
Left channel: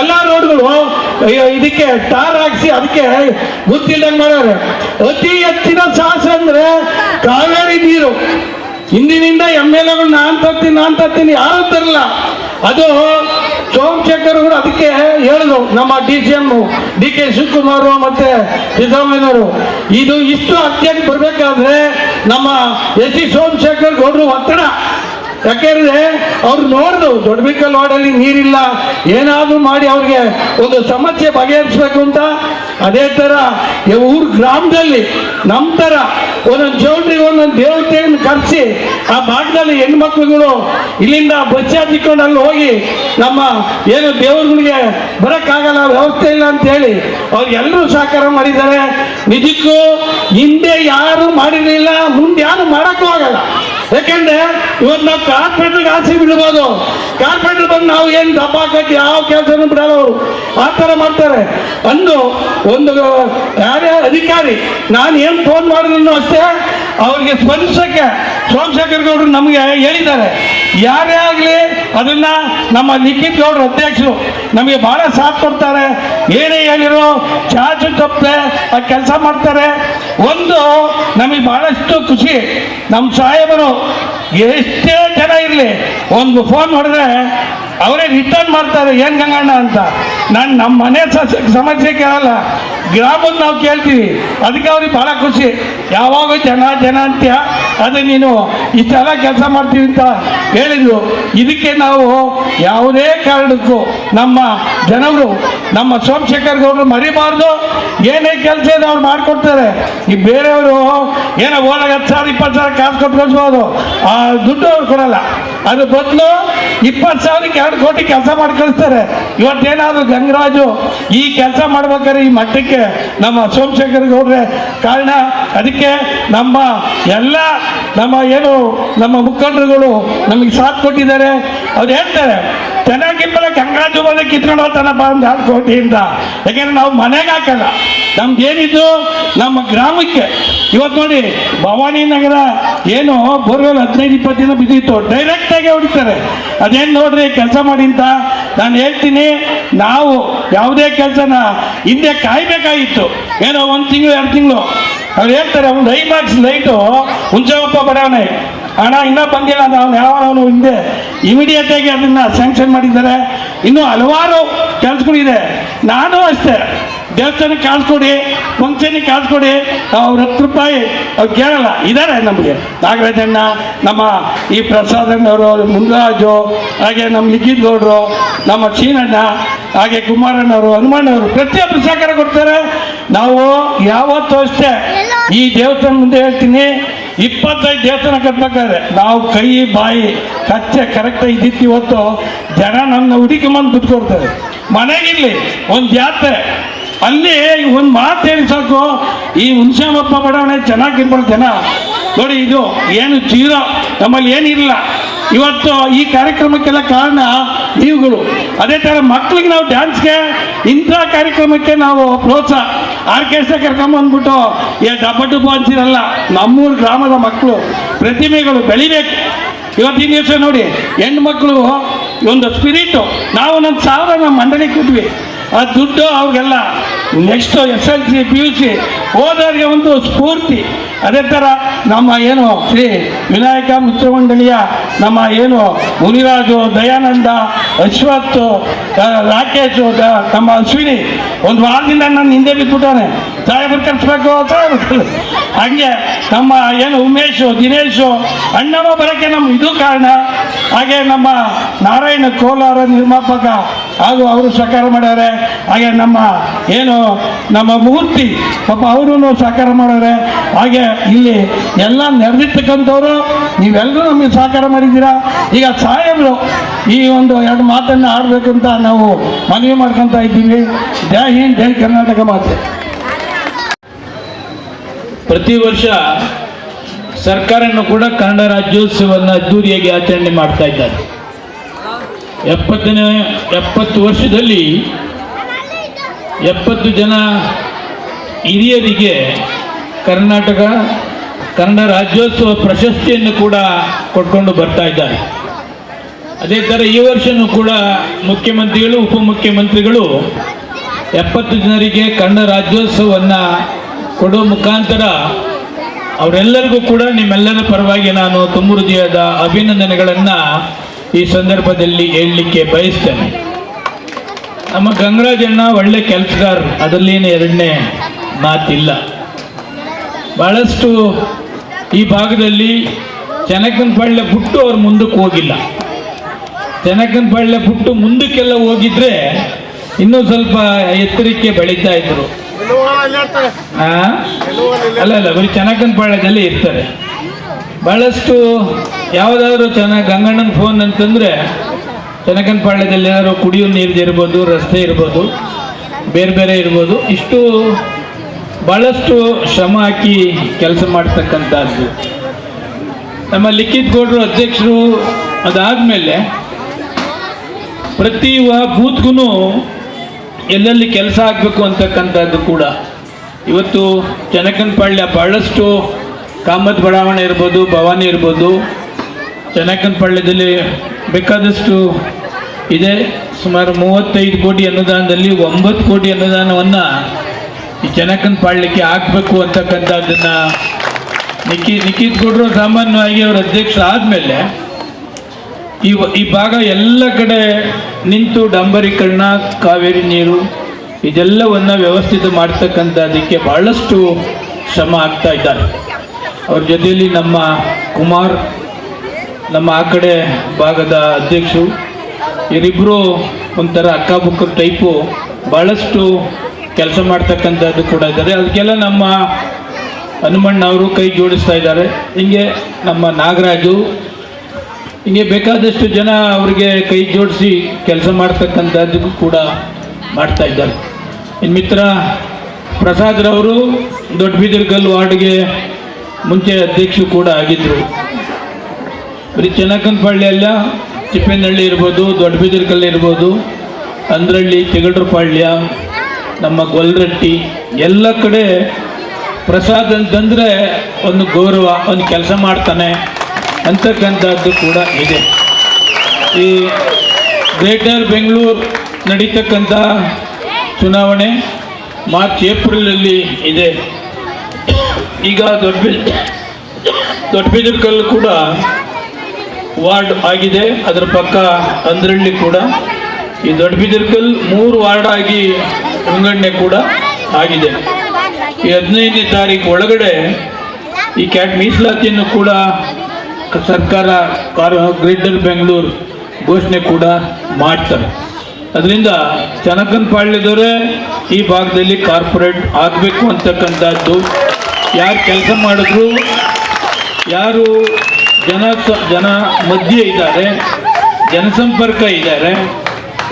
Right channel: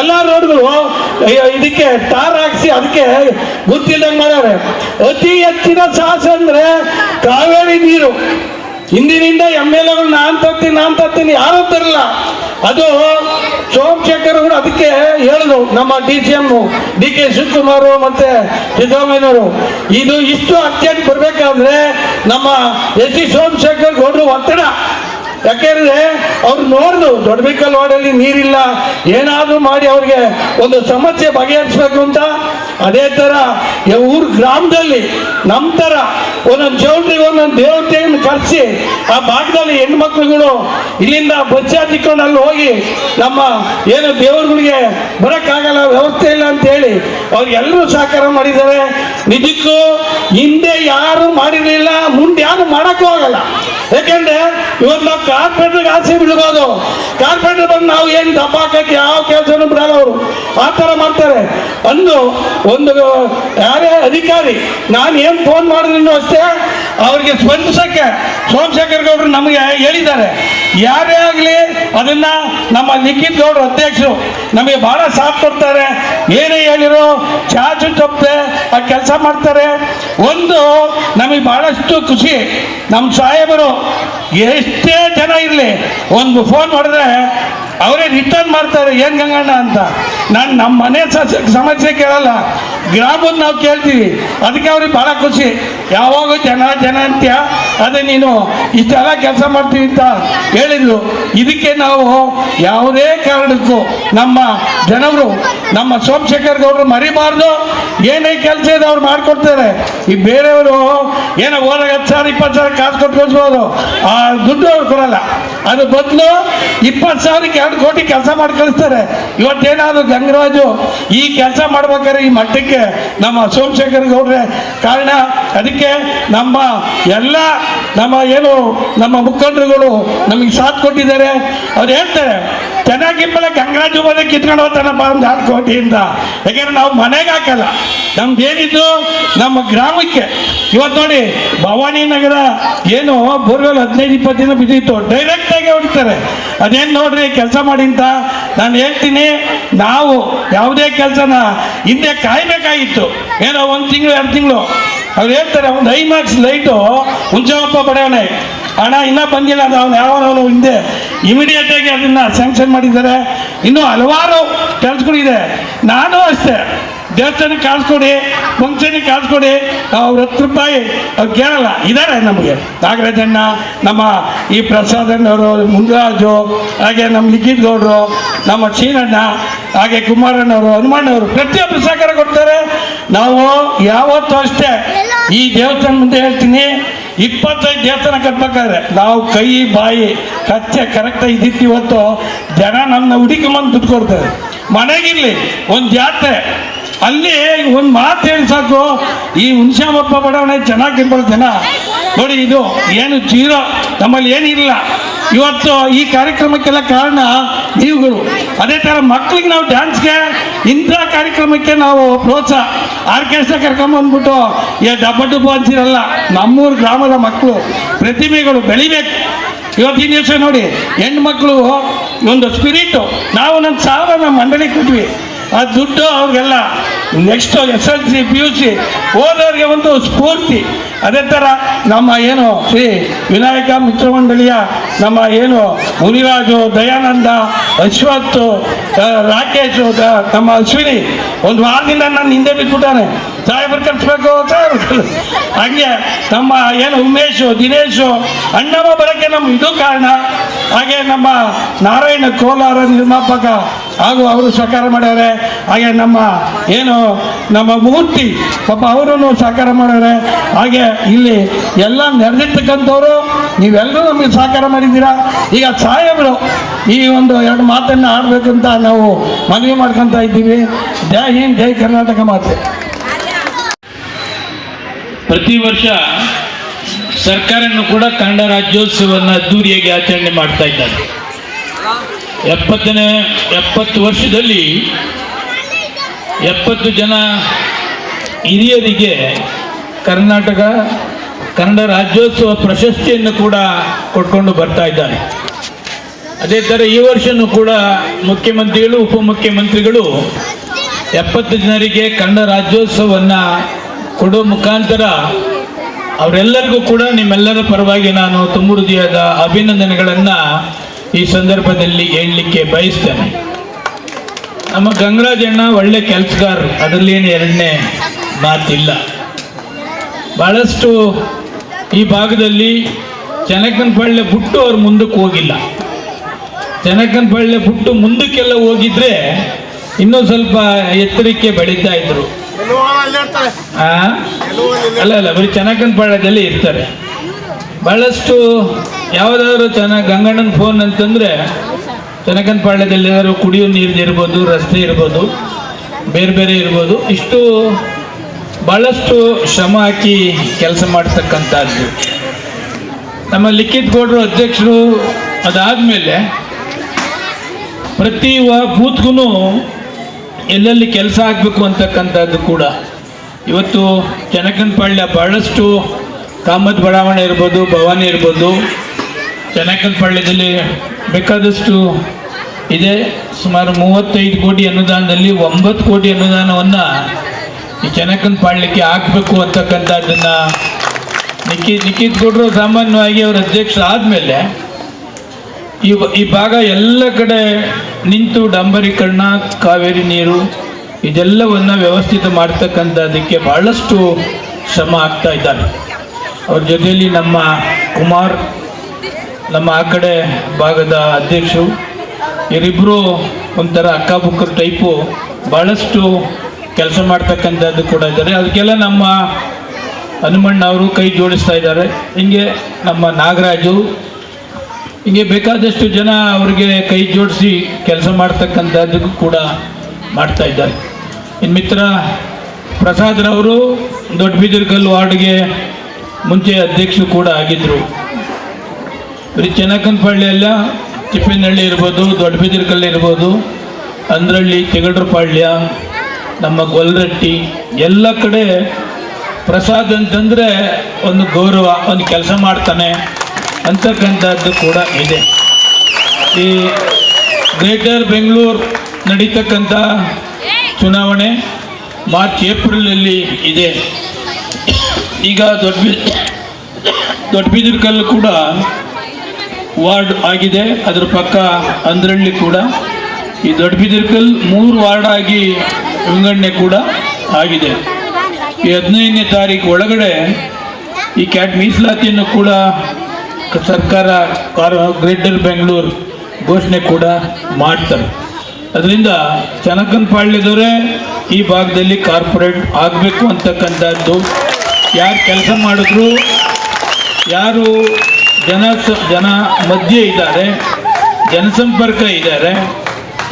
ಎಲ್ಲ ರೋಡ್ಗಳು ಇದಕ್ಕೆ ಟಾರ್ ಹಾಕ್ಸಿ ಅದಕ್ಕೆ ಗೊತ್ತಿಲ್ಲದಂಗೆ ಮಾಡಾರೆ ಅತಿ ಹೆಚ್ಚಿನ ಸಾಹಸ ಅಂದ್ರೆ ಕಾವೇರಿ ನೀರು. ಹಿಂದಿನಿಂದ ಎಂ ಎಲ್ ಎಗಳು ನಾನ್ ತರ್ತೀನಿ ನಾನ್ ತರ್ತೀನಿ, ಯಾರು ತರಲ್ಲ ಅದು ಸೋಮಶೇಖರ್ ಅವರು ಅದಕ್ಕೆ ಹೇಳಿದ್ರು, ನಮ್ಮ D C M D K Shivakumar ಮತ್ತೆ ಸಿದ್ದರಾಮಯ್ಯವರು ಇದು ಇಷ್ಟು ಅತ್ಯಂತ ಬರ್ಬೇಕಾದ್ರೆ ನಮ್ಮ ಎಸ್ ಸಿ ಸೋಮಶೇಖರ್ ಗೌಡ್ರು ಒತ್ತಡ. ಯಾಕೆಂದ್ರೆ ಅವ್ರು ನೋಡ್ದು ದೊಡ್ಡಬಿಕ್ಕಲ್ ವಾರ್ಡಲ್ಲಿ ನೀರಿಲ್ಲ, ಏನಾದ್ರೂ ಮಾಡಿ ಅವ್ರಿಗೆ ಒಂದು ಸಮಸ್ಯೆ ಬಗೆಹರಿಸ್ಬೇಕು ಅಂತ ಅದೇ ತರ ಊರು ಗ್ರಾಮದಲ್ಲಿ ನಮ್ಮ ತರ ಒಂದೊಂದು ಚೌಟ್ರಿಗೆ ಒಂದೊಂದು ದೇವತೆಯನ್ನು ಕರೆಸಿ ಆ ಭಾಗದಲ್ಲಿ ಹೆಣ್ಮಕ್ಳುಗಳು ಇಲ್ಲಿಂದ ಬಸ್ ಹತ್ತಿಕೊಂಡು ಅಲ್ಲಿ ಹೋಗಿ ನಮ್ಮ ಏನು ದೇವರುಗಳಿಗೆ ಬರಕ್ಕಾಗಲ್ಲ, ವ್ಯವಸ್ಥೆ ಇಲ್ಲ ಅಂತ ಹೇಳಿ ಅವ್ರಿಗೆಲ್ಲರೂ ಸಹಕಾರ ಮಾಡಿದ್ದಾರೆ. ನಿಜಕ್ಕೂ ಹಿಂದೆ ಯಾರು ಮಾಡಿರಲಿಲ್ಲ, ಮುಂದೆ ಯಾರು ಮಾಡಕ್ಕೂ ಆಗಲ್ಲ. ಯಾಕಂದ್ರೆ ಇವತ್ತು ನಾವು ಕಾರ್ಪೊರೇಟರ್ಗೆ ಆಸೆ ಬಿಡ್ಬೋದು ಕಾರ್ಪೊರೇಟರ್ ಬಂದು ನಾವು ಏನು ದಬ್ಬ ಕಟ್ಟಿ ಯಾವ ಕೆಲಸನೂ ಬಿಡಲ್ಲ ಅವರು ಆ ಥರ ಮಾಡ್ತಾರೆ ಅಂದು ಒಂದು ಯಾರೇ ನಾನು ಏನು ಫೋನ್ ಮಾಡಿದ್ರು ಅಷ್ಟೇ, ಅವ್ರಿಗೆ ಸ್ಪಂದಿಸಕ್ಕೆ ಸೋಮಶೇಖರ್ ಗೌಡರು ನಮಗೆ ಹೇಳಿದ್ದಾರೆ. ಯಾರೇ ಆಗಲಿ ಅದನ್ನ ನಮ್ಮ ನಿಖಿತ್ ಗೌಡ್ರು ಅಧ್ಯಕ್ಷರು ನಮಗೆ ಬಹಳ ಸಾಥ್ ಕೊಡ್ತಾರೆ. ಏನೇ ಹೇಳಿರೋ ಚಾಚು ತಪ್ಪದೆ ಆ ಕೆಲಸ ಮಾಡ್ತಾರೆ. ಒಂದು, ನಮಗೆ ಬಹಳಷ್ಟು ಖುಷಿ. ನಮ್ಮ ಸಾಹೇಬರು ಎಷ್ಟೇ ಜನ ಇರಲಿ, ಒಂದು ಫೋನ್ ಮಾಡಿದ್ರೆ ಅವರೇ ರಿಟರ್ನ್ ಮಾಡ್ತಾರೆ ಏನ್ ಗಂಗಣ್ಣ ಅಂತ? ನಾನು ನಮ್ಮ ಮನೆ ಸಮಸ್ಯೆ ಕೇಳಲ್ಲ. ಗ್ರಾಮದ ನಾವು ಕೇಳ್ತೀವಿ. ಅದಕ್ಕೆ ಅವ್ರಿಗೆ ಬಹಳ ಖುಷಿ. ಯಾವಾಗ ಜನ ಜನ ಅಂತ್ಯ? ಅದೇ ನೀನು ಇಷ್ಟೆಲ್ಲ ಕೆಲಸ ಮಾಡ್ತೀವಿ ಅಂತ ಹೇಳಿದ್ರು ಇದಕ್ಕೆ ನಾವು ಯಾವುದೇ ಕಾರಣಕ್ಕೂ ನಮ್ಮ ಜನರು, ನಮ್ಮ ಸೋಮಶೇಖರ್ ಗೌಡರು ಮರಿಬಾರ್ದು. ಏನೇ ಕೆಲಸ ಇದೆ ಅವ್ರು ಮಾಡ್ಕೊಡ್ತಾರೆ. ಈ ಬೇರೆಯವರು ಏನೋ ಓಲ ಹತ್ತು ಸಾವಿರ, ಇಪ್ಪತ್ತು ಸಾವಿರ ಕಾಸು ಕೊಟ್ಟು ಕಳಿಸ್ಬೋದು ಆ ದುಡ್ಡು ಅವ್ರು ಕೊಡಲ್ಲ. ಅದು ಬದಲು ಇಪ್ಪತ್ತು ಸಾವಿರಕ್ಕೆ ಎರಡು ಕೋಟಿ ಕೆಲಸ ಮಾಡಿ ಕಳಿಸ್ತಾರೆ ಇವತ್ತೇನಾದ್ರು ಗಂಗರಾಜು ಈ ಕೆಲಸ ಮಾಡ್ಬೇಕಾದ್ರೆ ಈ ಮಟ್ಟಕ್ಕೆ ನಮ್ಮ ಸೋಮಶೇಖರ್ ಗೌಡ್ರೆ ಕಾರಣ. ಅದಕ್ಕೆ ನಮ್ಮ ಎಲ್ಲ ನಮ್ಮ ಏನು, ನಮ್ಮ ಮುಖಂಡರುಗಳು ನಮಗೆ ಸಾಥ್ ಕೊಟ್ಟಿದ್ದಾರೆ. ಅವ್ರು ಹೇಳ್ತಾರೆ ಚೆನ್ನಾಗಿಬ್ಬರ ಗಂಗರಾಜು ಮೇಲೆ ಕಿತ್ಕೊಂಡು ಹೋಗ್ತಾನಪ್ಪ ಒಂದು ಹತ್ತು ಕೋಟಿಯಿಂದ ಯಾಕೆಂದ್ರೆ ನಾವು ಮನೆಗೆ ಹಾಕಲ್ಲ. ನಮ್ದೇನಿದ್ದು ನಮ್ಮ ಗ್ರಾಮಕ್ಕೆ. ಇವತ್ತು ನೋಡಿ, ಭವಾನಿ ನಗರ ಏನು ಬೋರ್ವೆಲ್ ಹದಿನೈದು, ಇಪ್ಪತ್ತು ದಿನ ಬಿದ್ದಿತ್ತು. ಡೈರೆಕ್ಟ್ ಆಗಿ ಹೊಡಿತಾರೆ. ಅದೇನು ನೋಡ್ರಿ, ಕೆಲಸ ಮಾಡಿ ಅಂತ ನಾನು ಹೇಳ್ತೀನಿ, ನಾವು ಯಾವುದೇ ಕೆಲಸನ ಹಿಂದೆ ಕಾಯ್ಬೇಕಾಗಿತ್ತು. ಏನೋ ಒಂದು ತಿಂಗಳು, ಎರಡು ತಿಂಗಳು. ಅವ್ರು ಹೇಳ್ತಾರೆ, ಒಂದು ಐ ಮಾರ್ಕ್ಸ್ ಲೈಟು ಹುಂಚಪ್ಪ ಬಡಾವಣೆ ಹಣ ಇನ್ನೂ ಬಂದಿಲ್ಲ ಅಂತ ಅವನು ಯಾವ ಅವನು ಹಿಂದೆ ಇಮಿಡಿಯೇಟ್ ಆಗಿ ಅದನ್ನ ಸ್ಯಾಂಕ್ಷನ್ ಮಾಡಿದ್ದಾರೆ. ಇನ್ನೂ ಹಲವಾರು ಕೆಲಸಗಳಿದೆ ನಾನು ಅಷ್ಟೇ. ದೇವಸ್ಥಾನಕ್ಕೆ ಕಾಲ್ಸ್ಕೊಡಿ ಕೊಡಿ ಕಾಲ್ಸ್ಕೊಡಿ ಅವ್ರ ಹತ್ತು ರೂಪಾಯಿ ಅವ್ರು ಕೇಳಲ್ಲ. ಇದ್ದಾರೆ ನಮಗೆ. ನಾಗರಾಜಣ್ಣ ನಮ್ಮ ಈ ಪ್ರಸಾದಣ್ಣವರು ಮುಂದರಾಜು ಹಾಗೆ ನಮ್ಮ ಲಿಖಿತ್ ಗೌಡರು, ನಮ್ಮ ಚೀನಣ್ಣ ಹಾಗೆ ಕುಮಾರಣ್ಣವರು ಹನುಮಣ್ಣವರು ಪ್ರತಿಯೊಬ್ಬರು ಸಹಕಾರ ಕೊಡ್ತಾರೆ. ನಾವು ಯಾವತ್ತೂ ಅಷ್ಟೇ ಈ ದೇವಸ್ಥಾನ ಮುಂದೆ ಹೇಳ್ತೀನಿ ಇಪ್ಪತ್ತೈದು ದೇವಸ್ಥಾನ ಕಟ್ಬೇಕಾದ್ರೆ ನಾವು ಕೈ, ಬಾಯಿ, ಕಚ್ಚೆ ಕರೆಕ್ಟಾಗಿ ಇದ್ದಿತ್ತು ಇವತ್ತು ಜನ ನಮ್ಮನ್ನ ಹುಡುಕಿಮಂದು ಕುತ್ಕೊಡ್ತಾರೆ ಮನೆಗಿರ್ಲಿ ಒಂದು ಜಾತ್ರೆ ಅಲ್ಲಿ ಒಂದು ಮಾತು ಹೇಳಿ ಸಾಕು. ಈ ಹುಣಸೆಹಬ್ಬ ಬಡಾವಣೆ ಚೆನ್ನಾಗಿರ್ಬೋದು ಜನ. ನೋಡಿ ಇದು ಏನು ಜೀರೋ, ನಮ್ಮಲ್ಲಿ ಏನಿಲ್ಲ. ಇವತ್ತು ಈ ಕಾರ್ಯಕ್ರಮಕ್ಕೆಲ್ಲ ಕಾರಣ ನೀವುಗಳು. ಅದೇ ಥರ ಮಕ್ಕಳಿಗೆ ನಾವು ಡ್ಯಾನ್ಸ್ಗೆ ಇಂಥ ಕಾರ್ಯಕ್ರಮಕ್ಕೆ ನಾವು ಪ್ರೋತ್ಸಾಹ ಆರ್ಕೆಸ್ಟ್ರಾ ಕರ್ಕೊಂಬಂದ್ಬಿಟ್ಟು ಏ ಡಬ್ಬ ಡಬ್ಬು ಅಂತಿರಲ್ಲ, ನಮ್ಮೂರು ಗ್ರಾಮದ ಮಕ್ಕಳು ಪ್ರತಿಮೆಗಳು ಬೆಳಿಬೇಕು. ಇವತ್ತಿನ ದಿವಸ ನೋಡಿ, ಹೆಣ್ಮಕ್ಳು, ಒಂದು ಸ್ಪಿರಿಟು. ನಾವು ನನ್ನ ಸಾವಿರ ನಮ್ಮ ಮಂಡಳಿ ಕೊಟ್ವಿ. ಆ ದುಡ್ಡು ಅವ್ರಿಗೆಲ್ಲ next S L C P U C ಓದೋರಿಗೆ ಒಂದು ಸ್ಫೂರ್ತಿ. ಅದೇ ಥರ ನಮ್ಮ ಏನು ಶ್ರೀ ವಿನಾಯಕ ಮಿತ್ರ ಮಂಡಳಿಯ ನಮ್ಮ ಏನು ಮುನಿರಾಜು, ದಯಾನಂದ ಅಶ್ವತ್ ರಾಕೇಶ್ ನಮ್ಮ ಅಶ್ವಿನಿ ಒಂದು ವಾರದಿಂದ ನನ್ನ ಹಿಂದೆ ಬಿಟ್ಬಿಟ್ಟಾನೆ ಸಾಹೇಬ್ರು ಕರ್ಸ್ಬೇಕು ಹಂಗೆ ನಮ್ಮ ಏನು ಉಮೇಶು, ದಿನೇಶು ಅಣ್ಣಮ್ಮ ಬರೋಕ್ಕೆ ನಮ್ಮ ಇದು ಕಾರಣ. ಹಾಗೆ ನಮ್ಮ ನಾರಾಯಣ ಕೋಲಾರ ನಿರ್ಮಾಪಕ ಹಾಗೂ ಅವರು ಸಹಕಾರ ಮಾಡ್ಯಾರೆ. ಹಾಗೆ ನಮ್ಮ ಏನು ನಮ್ಮ ಮೂರ್ತಿ, ಪಾಪ ಅವರನ್ನು ಸಹಕಾರ ಮಾಡ್ಯಾರೆ. ಹಾಗೆ ಇಲ್ಲಿ ಎಲ್ಲ ನೆರೆದಿರ್ತಕ್ಕಂಥವ್ರು ನೀವೆಲ್ಲರೂ ನಮಗೆ ಸಹಕಾರ ಮಾಡಿದ್ದೀರಾ? ಈಗ ಸಾಹೇಬರು, ಈ ಒಂದು ಎರಡು ಮಾತನ್ನು ಆಡಬೇಕು ಅಂತ ನಾವು ಮನವಿ ಮಾಡ್ಕೊತಾ ಇದ್ದೀವಿ. ಜೈ ಹಿಂದ್, ಜೈ ಕರ್ನಾಟಕ ಮಾತೆ. ಪ್ರತಿ ವರ್ಷ ಸರ್ಕಾರನು ಕೂಡ ಕನ್ನಡ ರಾಜ್ಯೋತ್ಸವವನ್ನು ಅದ್ದೂರಿಯಾಗಿ ಆಚರಣೆ ಮಾಡ್ತಾ ಇದ್ದಾರೆ. ಎಪ್ಪತ್ತನೇ, ಎಪ್ಪತ್ತು ವರ್ಷದಲ್ಲಿ ಎಪ್ಪತ್ತು ಜನ ಹಿರಿಯರಿಗೆ ಕರ್ನಾಟಕ ಕನ್ನಡ ರಾಜ್ಯೋತ್ಸವ ಪ್ರಶಸ್ತಿಯನ್ನು ಕೂಡ ಕೊಟ್ಕೊಂಡು ಬರ್ತಾ ಇದ್ದಾರೆ. ಅದೇ ಥರ ಈ ವರ್ಷನೂ ಕೂಡ ಮುಖ್ಯಮಂತ್ರಿಗಳು, ಉಪಮುಖ್ಯಮಂತ್ರಿಗಳು ಎಪ್ಪತ್ತು ಜನರಿಗೆ ಕನ್ನಡ ರಾಜ್ಯೋತ್ಸವವನ್ನು ಕೊಡೋ ಮುಖಾಂತರ ಅವರೆಲ್ಲರಿಗೂ ಕೂಡ ನಿಮ್ಮೆಲ್ಲರ ಪರವಾಗಿ ನಾನು ತುಂಬ ಹೃದಯದ ಅಭಿನಂದನೆಗಳನ್ನು ಈ ಸಂದರ್ಭದಲ್ಲಿ ಹೇಳಲಿಕ್ಕೆ ಬಯಸ್ತೇನೆ. ನಮ್ಮ ಗಂಗರಾಜಣ್ಣ ಒಳ್ಳೆ ಕೆಲಸಗಾರರು, ಅದರಲ್ಲೇನು ಎರಡನೇ ಮಾತಿಲ್ಲ. ಬಹಳಷ್ಟು ಈ ಭಾಗದಲ್ಲಿ ಚೆನ್ನಕನಪಳ್ಳಿ ಬಿಟ್ಟು ಅವ್ರು ಮುಂದಕ್ಕೆ ಹೋಗಿಲ್ಲ. ಚೆನ್ನಕನಪಳ್ಳಿ ಬಿಟ್ಟು ಮುಂದಕ್ಕೆಲ್ಲ ಹೋಗಿದ್ರೆ ಇನ್ನೂ ಸ್ವಲ್ಪ ಎತ್ತರಕ್ಕೆ ಬೆಳೀತಾ ಇದ್ರು. ಆ? ಅಲ್ಲ ಅಲ್ಲ, ಬರೀ ಚೆನ್ನಕನಪಾಳ್ಯದಲ್ಲಿ ಇರ್ತಾರೆ. ಬಹಳಷ್ಟು ಯಾವುದಾದ್ರು ಚೆನ್ನಾಗಿ ಗಂಗಣ್ಣನ ಫೋನ್ ಅಂತಂದರೆ ಚೆನ್ನಕನಪಾಳ್ಯದಲ್ಲಿ ಏನಾದ್ರು ಕುಡಿಯೋ ನೀರ್ದು ಇರ್ಬೋದು, ರಸ್ತೆ ಇರ್ಬೋದು, ಬೇರೆ ಬೇರೆ ಇರ್ಬೋದು, ಇಷ್ಟು ಭಾಳಷ್ಟು ಶ್ರಮ ಹಾಕಿ ಕೆಲಸ ಮಾಡ್ತಕ್ಕಂಥದ್ದು. ನಮ್ಮ ಲಿಖಿತ್ ಗೌಡರು ಅಧ್ಯಕ್ಷರು ಅದಾದಮೇಲೆ ಪ್ರತಿ ಬೂತ್ಗೂ ಎಲ್ಲೆಲ್ಲಿ ಕೆಲಸ ಆಗಬೇಕು ಅಂತಕ್ಕಂಥದ್ದು ಕೂಡ ಇವತ್ತು ಚೆನ್ನಕನಪಾಳ್ಯ ಬಹಳಷ್ಟು ಕಾಮತ್ ಬಡಾವಣೆ ಇರ್ಬೋದು, ಭವಾನಿ ಇರ್ಬೋದು. ಚೆನ್ನಕನಪಾಳ್ಯದಲ್ಲಿ ಬೇಕಾದಷ್ಟು ಇದೆ. ಸುಮಾರು ಮೂವತ್ತೈದು ಕೋಟಿ ಅನುದಾನದಲ್ಲಿ ಒಂಬತ್ತು ಕೋಟಿ ಅನುದಾನವನ್ನು ಈ ಚೆನ್ನಕನಪಾಳ್ಯಕ್ಕೆ ಹಾಕಬೇಕು ಅಂತಕ್ಕಂಥದ್ದನ್ನು ನಿಖಿ, ನಿಖಿತ್ ಕೊಟ್ಟರು ಸಾಮಾನ್ಯವಾಗಿ ಅವರ ಅಧ್ಯಕ್ಷ ಆದಮೇಲೆ ಈ ಈ ಭಾಗ ಎಲ್ಲ ಕಡೆ ನಿಂತು ಡಂಬರೀಕರಣ, ಕಾವೇರಿ ನೀರು ಇದೆಲ್ಲವನ್ನು ವ್ಯವಸ್ಥಿತ ಮಾಡ್ತಕ್ಕಂಥದ್ದಕ್ಕೆ ಭಾಳಷ್ಟು ಶ್ರಮ ಆಗ್ತಾ ಇದ್ದಾರೆ ಅವ್ರ ಜೊತೆಯಲ್ಲಿ ನಮ್ಮ ಕುಮಾರ್, ನಮ್ಮ ಆ ಕಡೆ ಭಾಗದ ಅಧ್ಯಕ್ಷರು ಇವರಿಬ್ಬರು ಒಂಥರ ಅಕ್ಕಬುಕ್ಕರ ಟೈಪು ಭಾಳಷ್ಟು ಕೆಲಸ ಮಾಡ್ತಕ್ಕಂಥದ್ದು ಕೂಡ ಇದ್ದಾರೆ. ಅದಕ್ಕೆಲ್ಲ ನಮ್ಮ ಹನುಮಣ್ಣ ಅವರು ಕೈ ಜೋಡಿಸ್ತಾ ಇದ್ದಾರೆ. ಹಿಂಗೆ ನಮ್ಮ ನಾಗರಾಜು, ಹಿಂಗೆ ಬೇಕಾದಷ್ಟು ಜನ ಅವರಿಗೆ ಕೈ ಜೋಡಿಸಿ ಕೆಲಸ ಮಾಡ್ತಕ್ಕಂಥದ್ದು ಕೂಡ ಮಾಡ್ತಾ ಇದ್ದಾರೆ. ಇನ್ನು ಮಿತ್ರ ಪ್ರಸಾದ್ರವರು ದೊಡ್ಡಬಿದಿರ್ಗಲ್ ವಾರ್ಡ್ಗೆ ಮುಂಚೆ ಅಧ್ಯಕ್ಷರು ಕೂಡ ಆಗಿದ್ದರು ಬರೀ ಚೆನ್ನಕನಪಳ್ಳಿ ಅಲ್ಲ ಚಿಪ್ಪನಹಳ್ಳಿ ಇರ್ಬೋದು ದೊಡ್ಡಬಿದಿರ್ಕಲ್ ಇರ್ಬೋದು, ಅಂದ್ರಳ್ಳಿ ತೆಗಡ್ರಪಾಳ್ಯ ನಮ್ಮ ಗೊಲ್ರಟ್ಟಿ, ಎಲ್ಲ ಕಡೆ ಪ್ರಸಾದ್ ಅಂತಂದರೆ ಒಂದು ಗೌರವ, ಒಂದು ಕೆಲಸ ಮಾಡ್ತಾನೆ ಅಂತಕ್ಕಂಥದ್ದು ಕೂಡ ಇದೆ. ಈ ಗ್ರೇಟರ್ ಬೆಂಗಳೂರು ನಡೀತಕ್ಕಂಥ ಚುನಾವಣೆ ಮಾರ್ಚ್ ಏಪ್ರಿಲ್ನಲ್ಲಿ ಇದೆ. ಈಗ ದೊಡ್ಡ ದೊಡ್ಡಬಿದಿರ್ಕಲ್ಲು ಕೂಡ ವಾರ್ಡ್ ಆಗಿದೆ. ಅದರ ಪಕ್ಕ ಅಂದ್ರಳ್ಳಿ ಕೂಡ. ಈ ದೊಡ್ಡಬಿದಿರ್ಕಲ್ ಮೂರು ವಾರ್ಡ್ ಆಗಿ ವಿಂಗಡಣೆ ಕೂಡ ಆಗಿದೆ. ಈ ಹದಿನೈದನೇ ತಾರೀಕು ಒಳಗಡೆ ಈ ಕ್ಯಾಟ್ ಮೀಸಲಾತಿಯನ್ನು ಕೂಡ ಸರ್ಕಾರ ಕಾರ್ ಗ್ರೇಟರ್ ಬೆಂಗಳೂರು ಘೋಷಣೆ ಕೂಡ ಮಾಡ್ತಾರೆ. ಅದರಿಂದ ಚನಕನಪಾಳ್ಯದವರೇ ಈ ಭಾಗದಲ್ಲಿ ಕಾರ್ಪೊರೇಟ್ ಆಗಬೇಕು ಅಂತಕ್ಕಂಥದ್ದು. ಯಾರು ಕೆಲಸ ಮಾಡಿದ್ರು, ಯಾರು ಜನ ಜನ ಮಧ್ಯೆ ಇದ್ದಾರೆ, ಜನಸಂಪರ್ಕ ಇದ್ದಾರೆ,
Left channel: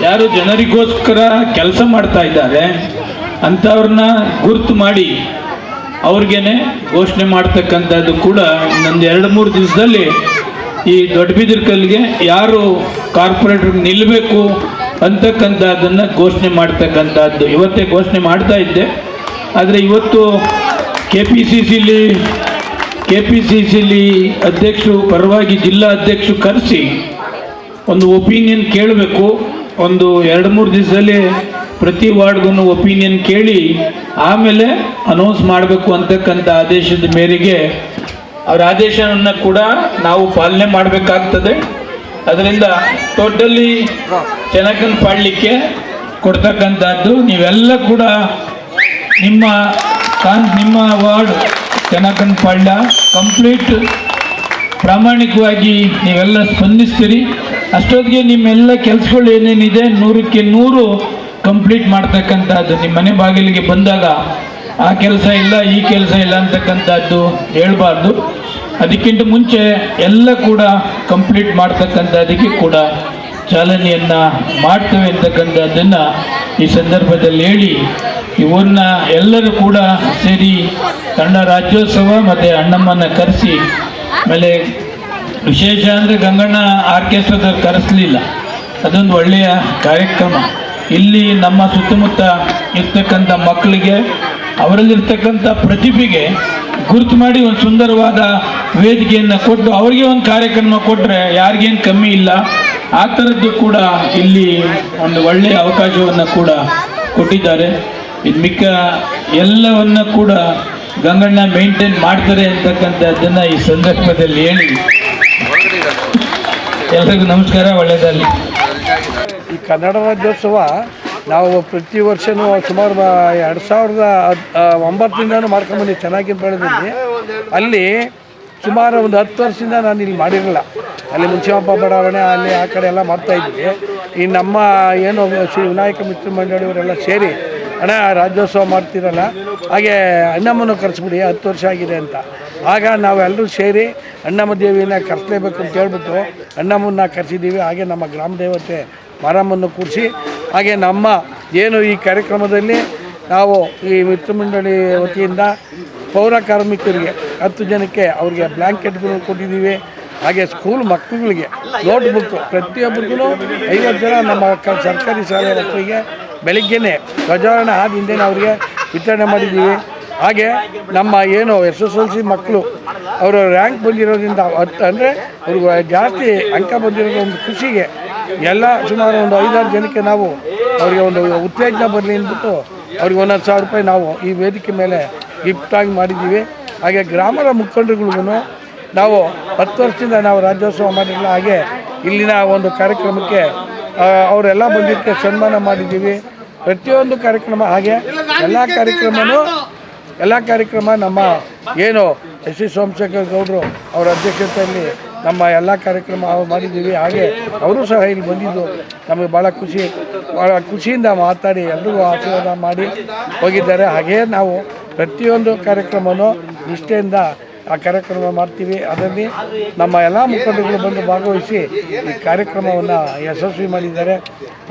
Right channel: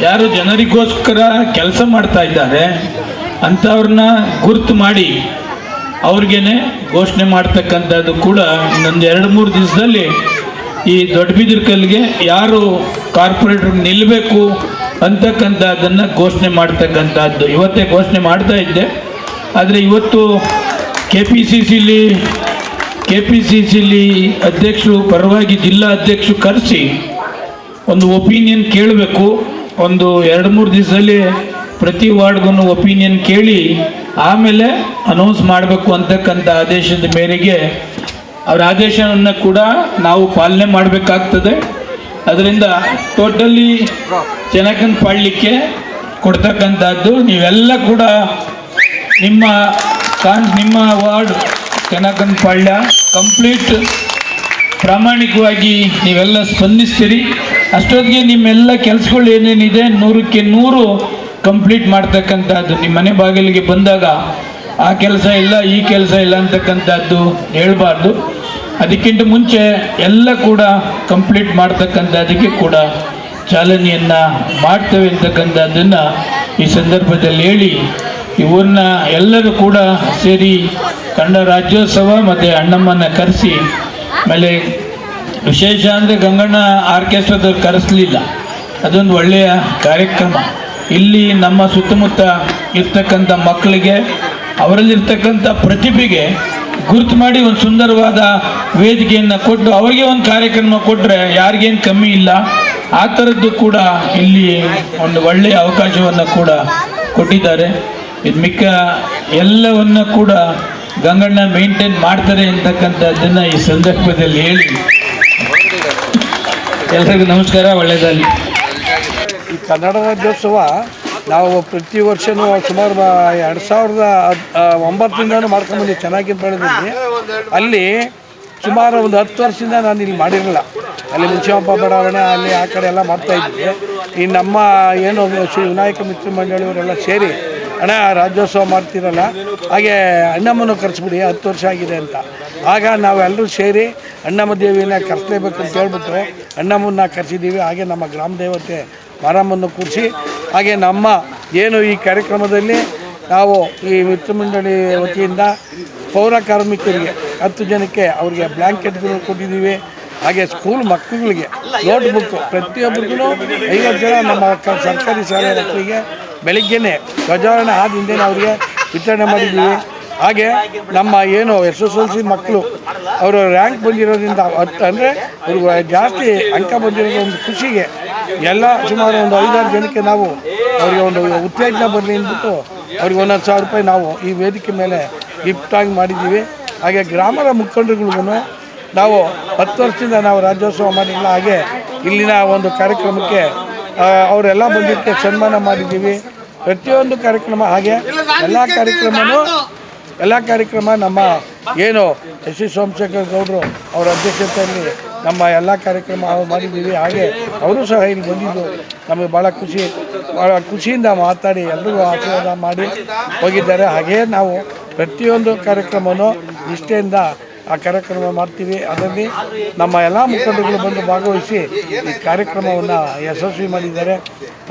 ಯಾರು ಜನರಿಗೋಸ್ಕರ ಕೆಲಸ ಮಾಡ್ತಾ ಇದ್ದಾರೆ ಅಂಥವ್ರನ್ನ ಗುರ್ತು ಮಾಡಿ ಅವ್ರಿಗೇನೆ ಘೋಷಣೆ ಮಾಡ್ತಕ್ಕಂಥದ್ದು ಕೂಡ ಇನ್ನೊಂದು ಎರಡು ಮೂರು ದಿವಸದಲ್ಲಿ ಈ ದೊಡ್ಡ ಕಲ್ಲಿಗೆ ಯಾರು ಕಾರ್ಪೊರೇಟ್ರಿಗೆ ನಿಲ್ಲಬೇಕು ಅಂತಕ್ಕಂಥದ್ದನ್ನು ಘೋಷಣೆ ಮಾಡ್ತಕ್ಕಂಥದ್ದು. ಇವತ್ತೇ ಘೋಷಣೆ ಮಾಡ್ತಾ ಇದ್ದೆ. ಆದರೆ ಇವತ್ತು K P C C K P C C ಅಧ್ಯಕ್ಷರು, ಪರವಾಗಿ ಜಿಲ್ಲಾ ಅಧ್ಯಕ್ಷರು ಕರೆಸಿ ಒಂದು ಒಪಿನಿಯನ್ ಕೇಳಬೇಕು. ಒಂದು ಎರಡು ಮೂರು ದಿವಸದಲ್ಲಿ ಪ್ರತಿ ವಾರ್ಡ್ಗೂ ಒಪಿನಿಯನ್ ಕೇಳಿ ಆಮೇಲೆ ಅನೌನ್ಸ್ ಮಾಡಬೇಕು ಅಂತಕ್ಕಂಥ ಆದೇಶದ ಮೇರೆಗೆ ಅವರ ಆದೇಶವನ್ನು ಕೂಡ ನಾವು ಪಾಲನೆ ಮಾಡಬೇಕಾಗ್ತದೆ. ಅದರಿಂದ ಟೋಟಲಿ ಚೆನ್ನಕನ್ ಪಾಡಲಿಕ್ಕೆ ಕೊಡ್ತಕ್ಕಂಥದ್ದು ನೀವೆಲ್ಲ ಕೂಡ ನಿಮ್ಮ ನಿಮ್ಮ ವಾರ್ಡ್ ಚೆನ್ನಕನ್ ಪಾಳ್ಯ ಕಂಪ್ಲೀಟ್ ಪ್ರಾಮಾಣಿಕವಾಗಿ ನೀವೆಲ್ಲ ಸ್ಪಂದಿಸ್ತೀರಿ. ಅಷ್ಟೊತ್ತಿಗೆ ನಿಮ್ಮೆಲ್ಲ ಕೆಲಸಗಳು ಏನೇನಿದೆ ನೂರಕ್ಕೆ ನೂರು ಕಂಪ್ಲೀಟ್ ಮಾಡ್ತಕ್ಕಂಥದ್ದು. ನಿಮ್ಮ ಮನೆ ಬಾಗಿಲಿಗೆ ಬಂದಾಗ ಆ ಕೆಲಸ ಇಲ್ಲ, ಈ ಕೆಲಸ ಇಲ್ಲ ಅಂತಕ್ಕಂಥದ್ದು ಹೇಳ್ಬಾರ್ದು. ಅದಕ್ಕಿಂತ ಮುಂಚೆ ಎಲ್ಲ ಕೂಡ ಕಂಪ್ಲೀಟ್ ಮಾಡ್ತಕ್ಕಂಥದ್ದಕ್ಕೆ ಕೂಡ ಚಾಲನೆಯನ್ನು ಮಾಡ್ತೇವೆ ಅಂತಕ್ಕಂಥದ್ದನ್ನು ಈ ಸಂದರ್ಭದಲ್ಲಿ ಹೇಳಿ ಇವ್ರನ್ನ ಎಲ್ಲರೂ ಕೂಡ ಸೇರಿ ಕನ್ನಡ ರಾಜ್ಯೋತ್ಸವ ಮತ್ತು ಅಣ್ಣಮ್ಮನ ಕರೆಸಿ, ಆಮೇಲೆ ವಿಶೇಷ ಅಂದರೆ ಗಂಗಣ್ಣ ಆರ್ಕೆಸ್ಟ್ರಾದವ್ರು ಕರೆಸಲಿಲ್ಲ. ಅದೊಂದು ಒಳ್ಳೆಯ ಕಾರ್ಯಕ್ರಮ. ಇಲ್ಲಿ ನಮ್ಮ ಸುತ್ತಮುತ್ತ ಇರ್ತಕ್ಕಂಥ ಮಕ್ಕಳಿಗೆ, ಅವರಲ್ಲಿರ್ತಕ್ಕಂಥ ಪ್ರತಿಭೆಗೆ ಗುರುತು ಮಾಡಿ ಒಂದು ಸುಂದರವಾದ ವೇದಿಕೆಯನ್ನು ಕೊಟ್ಟು ಅವರಿಗೆ ಒಂದು ಕಾರ್ಯಕ್ರಮ ಕೊಟ್ಟರೆ ಯಾರಿಗೇನು ಕಮ್ಮಿ ಇಲ್ಲ, ಆ ಥರದ್ದು ಕೂಡ ಇಲ್ಲಿ ಒಂದು ಒಳ್ಳೆಯ ಅವಕಾಶವನ್ನು ಕೂಡ ಕೊಟ್ಟಿದ್ದಾರೆ. ಇದು ಮಿಕ್ಕ ಎಲ್ಲವನ್ನ ಕೂಡ ಗಂಗಣ್ಣ ಮೇಂಟೈನ್ ಮಾಡ್ತಾರೆ ಅಂತಕ್ಕಂಥದ್ದನ್ನು ಈ ಸಂದರ್ಭದಲ್ಲಿ ಹೇಳಿ. ಎಲ್ರಿಗೂ ನಮಸ್ಕಾರ ಒಳ್ಳೆಯದಾಗಲಿ ಈ ಕನ್ನಡ ರಾಜ್ಯೋತ್ಸವ ನಾವು ಪ್ರತಿ ವರ್ಷವೂ ಸುಮಾರು ಎರಡು ಸಾವಿರದ ಒಂಬತ್ತರಿಂದನೂ ಮಾಡ್ಕೊಂಬಂದು ಚೆನ್ನಾಗಿ ಬೆಳೆದಿದ್ದೆ ಅಲ್ಲಿ ಸುಮಾರು ಒಂದು ಹತ್ತು ವರ್ಷದಿಂದ ನಾನು ಇಲ್ಲಿ ಮಾಡಿರಲಿಲ್ಲ. ಅಲ್ಲಿ ಮುನ್ಸಿಪಪ್ಪ ಬಡಾವಣೆ, ಅಲ್ಲಿ ಆ ಕಡೆ ಎಲ್ಲ ಮಾಡ್ತಾ ಇದ್ವಿ. ಈ ನಮ್ಮ ಏನು ಶ್ರೀ ವಿನಾಯಕ ಮಿತ್ರ ಮಂಡಳಿಯವರೆಲ್ಲ ಸೇರಿ ಅಣ್ಣ, ರಾಜ್ಯೋತ್ಸವ ಮಾಡ್ತಿರಲ್ಲ, ಹಾಗೆ ಅಣ್ಣಮ್ಮನ ಕರೆಸ್ಬಿಡಿ, ಹತ್ತು ವರ್ಷ ಆಗಿದೆ ಅಂತ. ಆಗ ನಾವೆಲ್ಲರೂ ಸೇರಿ ಅಣ್ಣಮ್ಮ ದೇವಿನ ಕರೆಸಲೇಬೇಕು ಅಂತ ಹೇಳ್ಬಿಟ್ಟು ಅಣ್ಣಮ್ಮನ್ನ ಕರೆಸಿದ್ದೀವಿ ಹಾಗೆ ನಮ್ಮ ಗ್ರಾಮ ದೇವತೆ ಮಾರಮ್ಮನ್ನು ಕೂರಿಸಿ. ಹಾಗೆ ನಮ್ಮ ಏನು ಈ ಕಾರ್ಯಕ್ರಮದಲ್ಲಿ ನಾವು ಈ ಮಿತ್ರ ಮಂಡಳಿ ವತಿಯಿಂದ ಪೌರ ಕಾರ್ಮಿಕರಿಗೆ ಹತ್ತು ಜನಕ್ಕೆ ಅವರಿಗೆ ಬ್ಲ್ಯಾಂಕೆಟ್ಗಳು ಕೊಟ್ಟಿದ್ದೀವಿ. ಹಾಗೆ ಸ್ಕೂಲ್ ಮಕ್ಕಳುಗಳಿಗೆ ನೋಟ್ ಬುಕ್ಕು ಪ್ರತಿಯೊಬ್ಬರಿಗೂ ಐವತ್ತು ಜನ ನಮ್ಮ ಸರ್ಕಾರಿ ಶಾಲೆ ಮಕ್ಕಳಿಗೆ ಬೆಳಿಗ್ಗೆನೇ ಧ್ವಜಾರೋಹಣ ಆದ ಹಿಂದೆನೇ ಅವರಿಗೆ ವಿತರಣೆ ಮಾಡಿದ್ದೀವಿ. ಹಾಗೆ ನಮ್ಮ ಏನು ಎಸ್ ಎಸ್ ಎಲ್ ಸಿ ಮಕ್ಕಳು ಅವರು ರ್ಯಾಂಕ್ ಬಂದಿರೋದ್ರಿಂದ ಅಂದರೆ ಅವ್ರಿಗೆ ಜಾಸ್ತಿ ಅಂಕ ಬಂದಿರೋದು ಒಂದು ಖುಷಿಗೆ ಎಲ್ಲ ಸುಮಾರು ಒಂದು ಐದಾರು ಜನಕ್ಕೆ ನಾವು ಅವರಿಗೆ ಒಂದು ಉತ್ತೇಜನ ಬರಲಿ ಅಂದ್ಬಿಟ್ಟು ಅವ್ರಿಗೆ ಒಂದೊಂದು ಸಾವಿರ ರೂಪಾಯಿ ನಾವು ಈ ವೇದಿಕೆ ಮೇಲೆ ಗಿಫ್ಟಾಗಿ ಮಾಡಿದ್ದೀವಿ. ಹಾಗೆ ಗ್ರಾಮದ ಮುಖಂಡರುಗಳಿಗೂ ನಾವು ಹತ್ತು ವರ್ಷದಿಂದ ನಾವು ರಾಜ್ಯೋತ್ಸವ ಮಾಡಿಲ್ಲ, ಹಾಗೆ ಇಲ್ಲಿನ ಒಂದು ಕಾರ್ಯಕ್ರಮಕ್ಕೆ ಅವರೆಲ್ಲ ಬಂದಿದ್ದಕ್ಕೆ ಸನ್ಮಾನ ಮಾಡಿದ್ದೀವಿ. ಪ್ರತಿಯೊಂದು ಕಾರ್ಯಕ್ರಮ, ಹಾಗೆ ಎಲ್ಲ ಕಾರ್ಯಕ್ರಮನೂ, ಎಲ್ಲ ಕಾರ್ಯಕ್ರಮ ನಮ್ಮ ಏನು ಎಸ್ ಸಿ ಸೋಮಶೇಖರ್ ಗೌಡರು ಅವರ ಅಧ್ಯಕ್ಷತೆಯಲ್ಲಿ ನಮ್ಮ ಎಲ್ಲ ಕಾರ್ಯಕ್ರಮ ಮಾಡಿದ್ದೀವಿ. ಹಾಗೆ ಅವರು ಸಹ ಇಲ್ಲಿ ಬಂದಿದ್ದು. ನಮಗೆ ಭಾಳ ಖುಷಿ ಭಾಳ ಖುಷಿಯಿಂದ ಮಾತಾಡಿ, ಎಲ್ರಿಗೂ ಆಶೀರ್ವಾದ ಮಾಡಿ ಹೋಗಿದ್ದಾರೆ. ಹಾಗೇ ನಾವು ಪ್ರತಿಯೊಂದು ಕಾರ್ಯಕ್ರಮವೂ ನಿಷ್ಠೆಯಿಂದ ಆ ಕಾರ್ಯಕ್ರಮ ಮಾಡ್ತೀವಿ. ಅದರಲ್ಲಿ ನಮ್ಮ ಎಲ್ಲ ಮುಖಂಡರುಗಳು ಬಂದು ಭಾಗವಹಿಸಿ ಈ ಕಾರ್ಯಕ್ರಮವನ್ನು ಯಶಸ್ವಿ ಮಾಡಿದ್ದಾರೆ.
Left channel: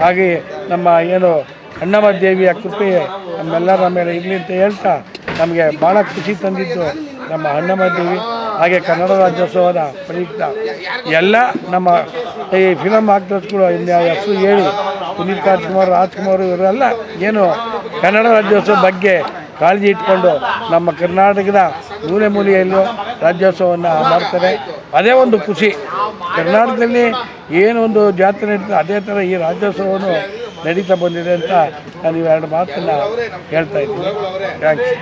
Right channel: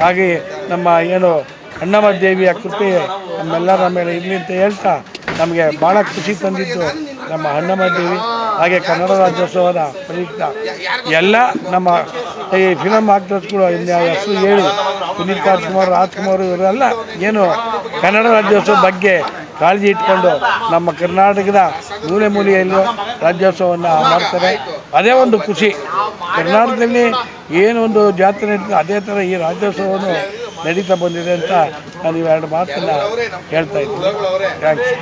ಹಾಗೆ ನಮ್ಮ ಏನು ಅಣ್ಣಮ್ಮ ದೇವಿಯ ಕೃಪೆ ನಮ್ಮೆಲ್ಲರ ಮೇಲೆ ಇರಲಿ ಅಂತ ಹೇಳ್ತಾ ನಮಗೆ ಭಾಳ ಖುಷಿ ತಂದಿದ್ದು ನಮ್ಮ ಅಣ್ಣಮ್ಮ ದೇವಿ. ಹಾಗೆ ಕನ್ನಡ ರಾಜ್ಯೋತ್ಸವದ ಪ್ರಯುಕ್ತ ಎಲ್ಲ ನಮ್ಮ ಈ ಫಿಲಮ್ ಆಕ್ಟರ್ಸ್ಗಳು ಹೆಸರು ಹೇಳಿ, ಪುನೀತ್ ರಾಜ್ಕುಮಾರ್ ರಾಜ್ಕುಮಾರ್ ಇವರೆಲ್ಲ ಏನು ಕನ್ನಡ ರಾಜ್ಯೋತ್ಸವ ಬಗ್ಗೆ ಕಾಳಜಿ ಇಟ್ಕೊಂಡು ನಮ್ಮ ಕರ್ನಾಟಕದ ಮೂಲೆ ಮೂಲೆಯಲ್ಲೂ ರಾಜ್ಯೋತ್ಸವವನ್ನು ಮಾಡ್ತಾರೆ. ಅದೇ ಒಂದು ಖುಷಿ. ಕರ್ನಾಟಕದಲ್ಲಿ ಏನೊಂದು ಜಾತ್ರೆ ನಡೀತದೆ, ಅದೇ ಥರ ಈ ರಾಜ್ಯೋತ್ಸವವನ್ನು ನಡೀತಾ ಬಂದಿದೆ ಅಂತ ನಾನು ಇವೆರಡು ಮಾತನ್ನು ಹೇಳ್ತಾ ಇದ್ದೀನಿ. ಥ್ಯಾಂಕ್ಸ್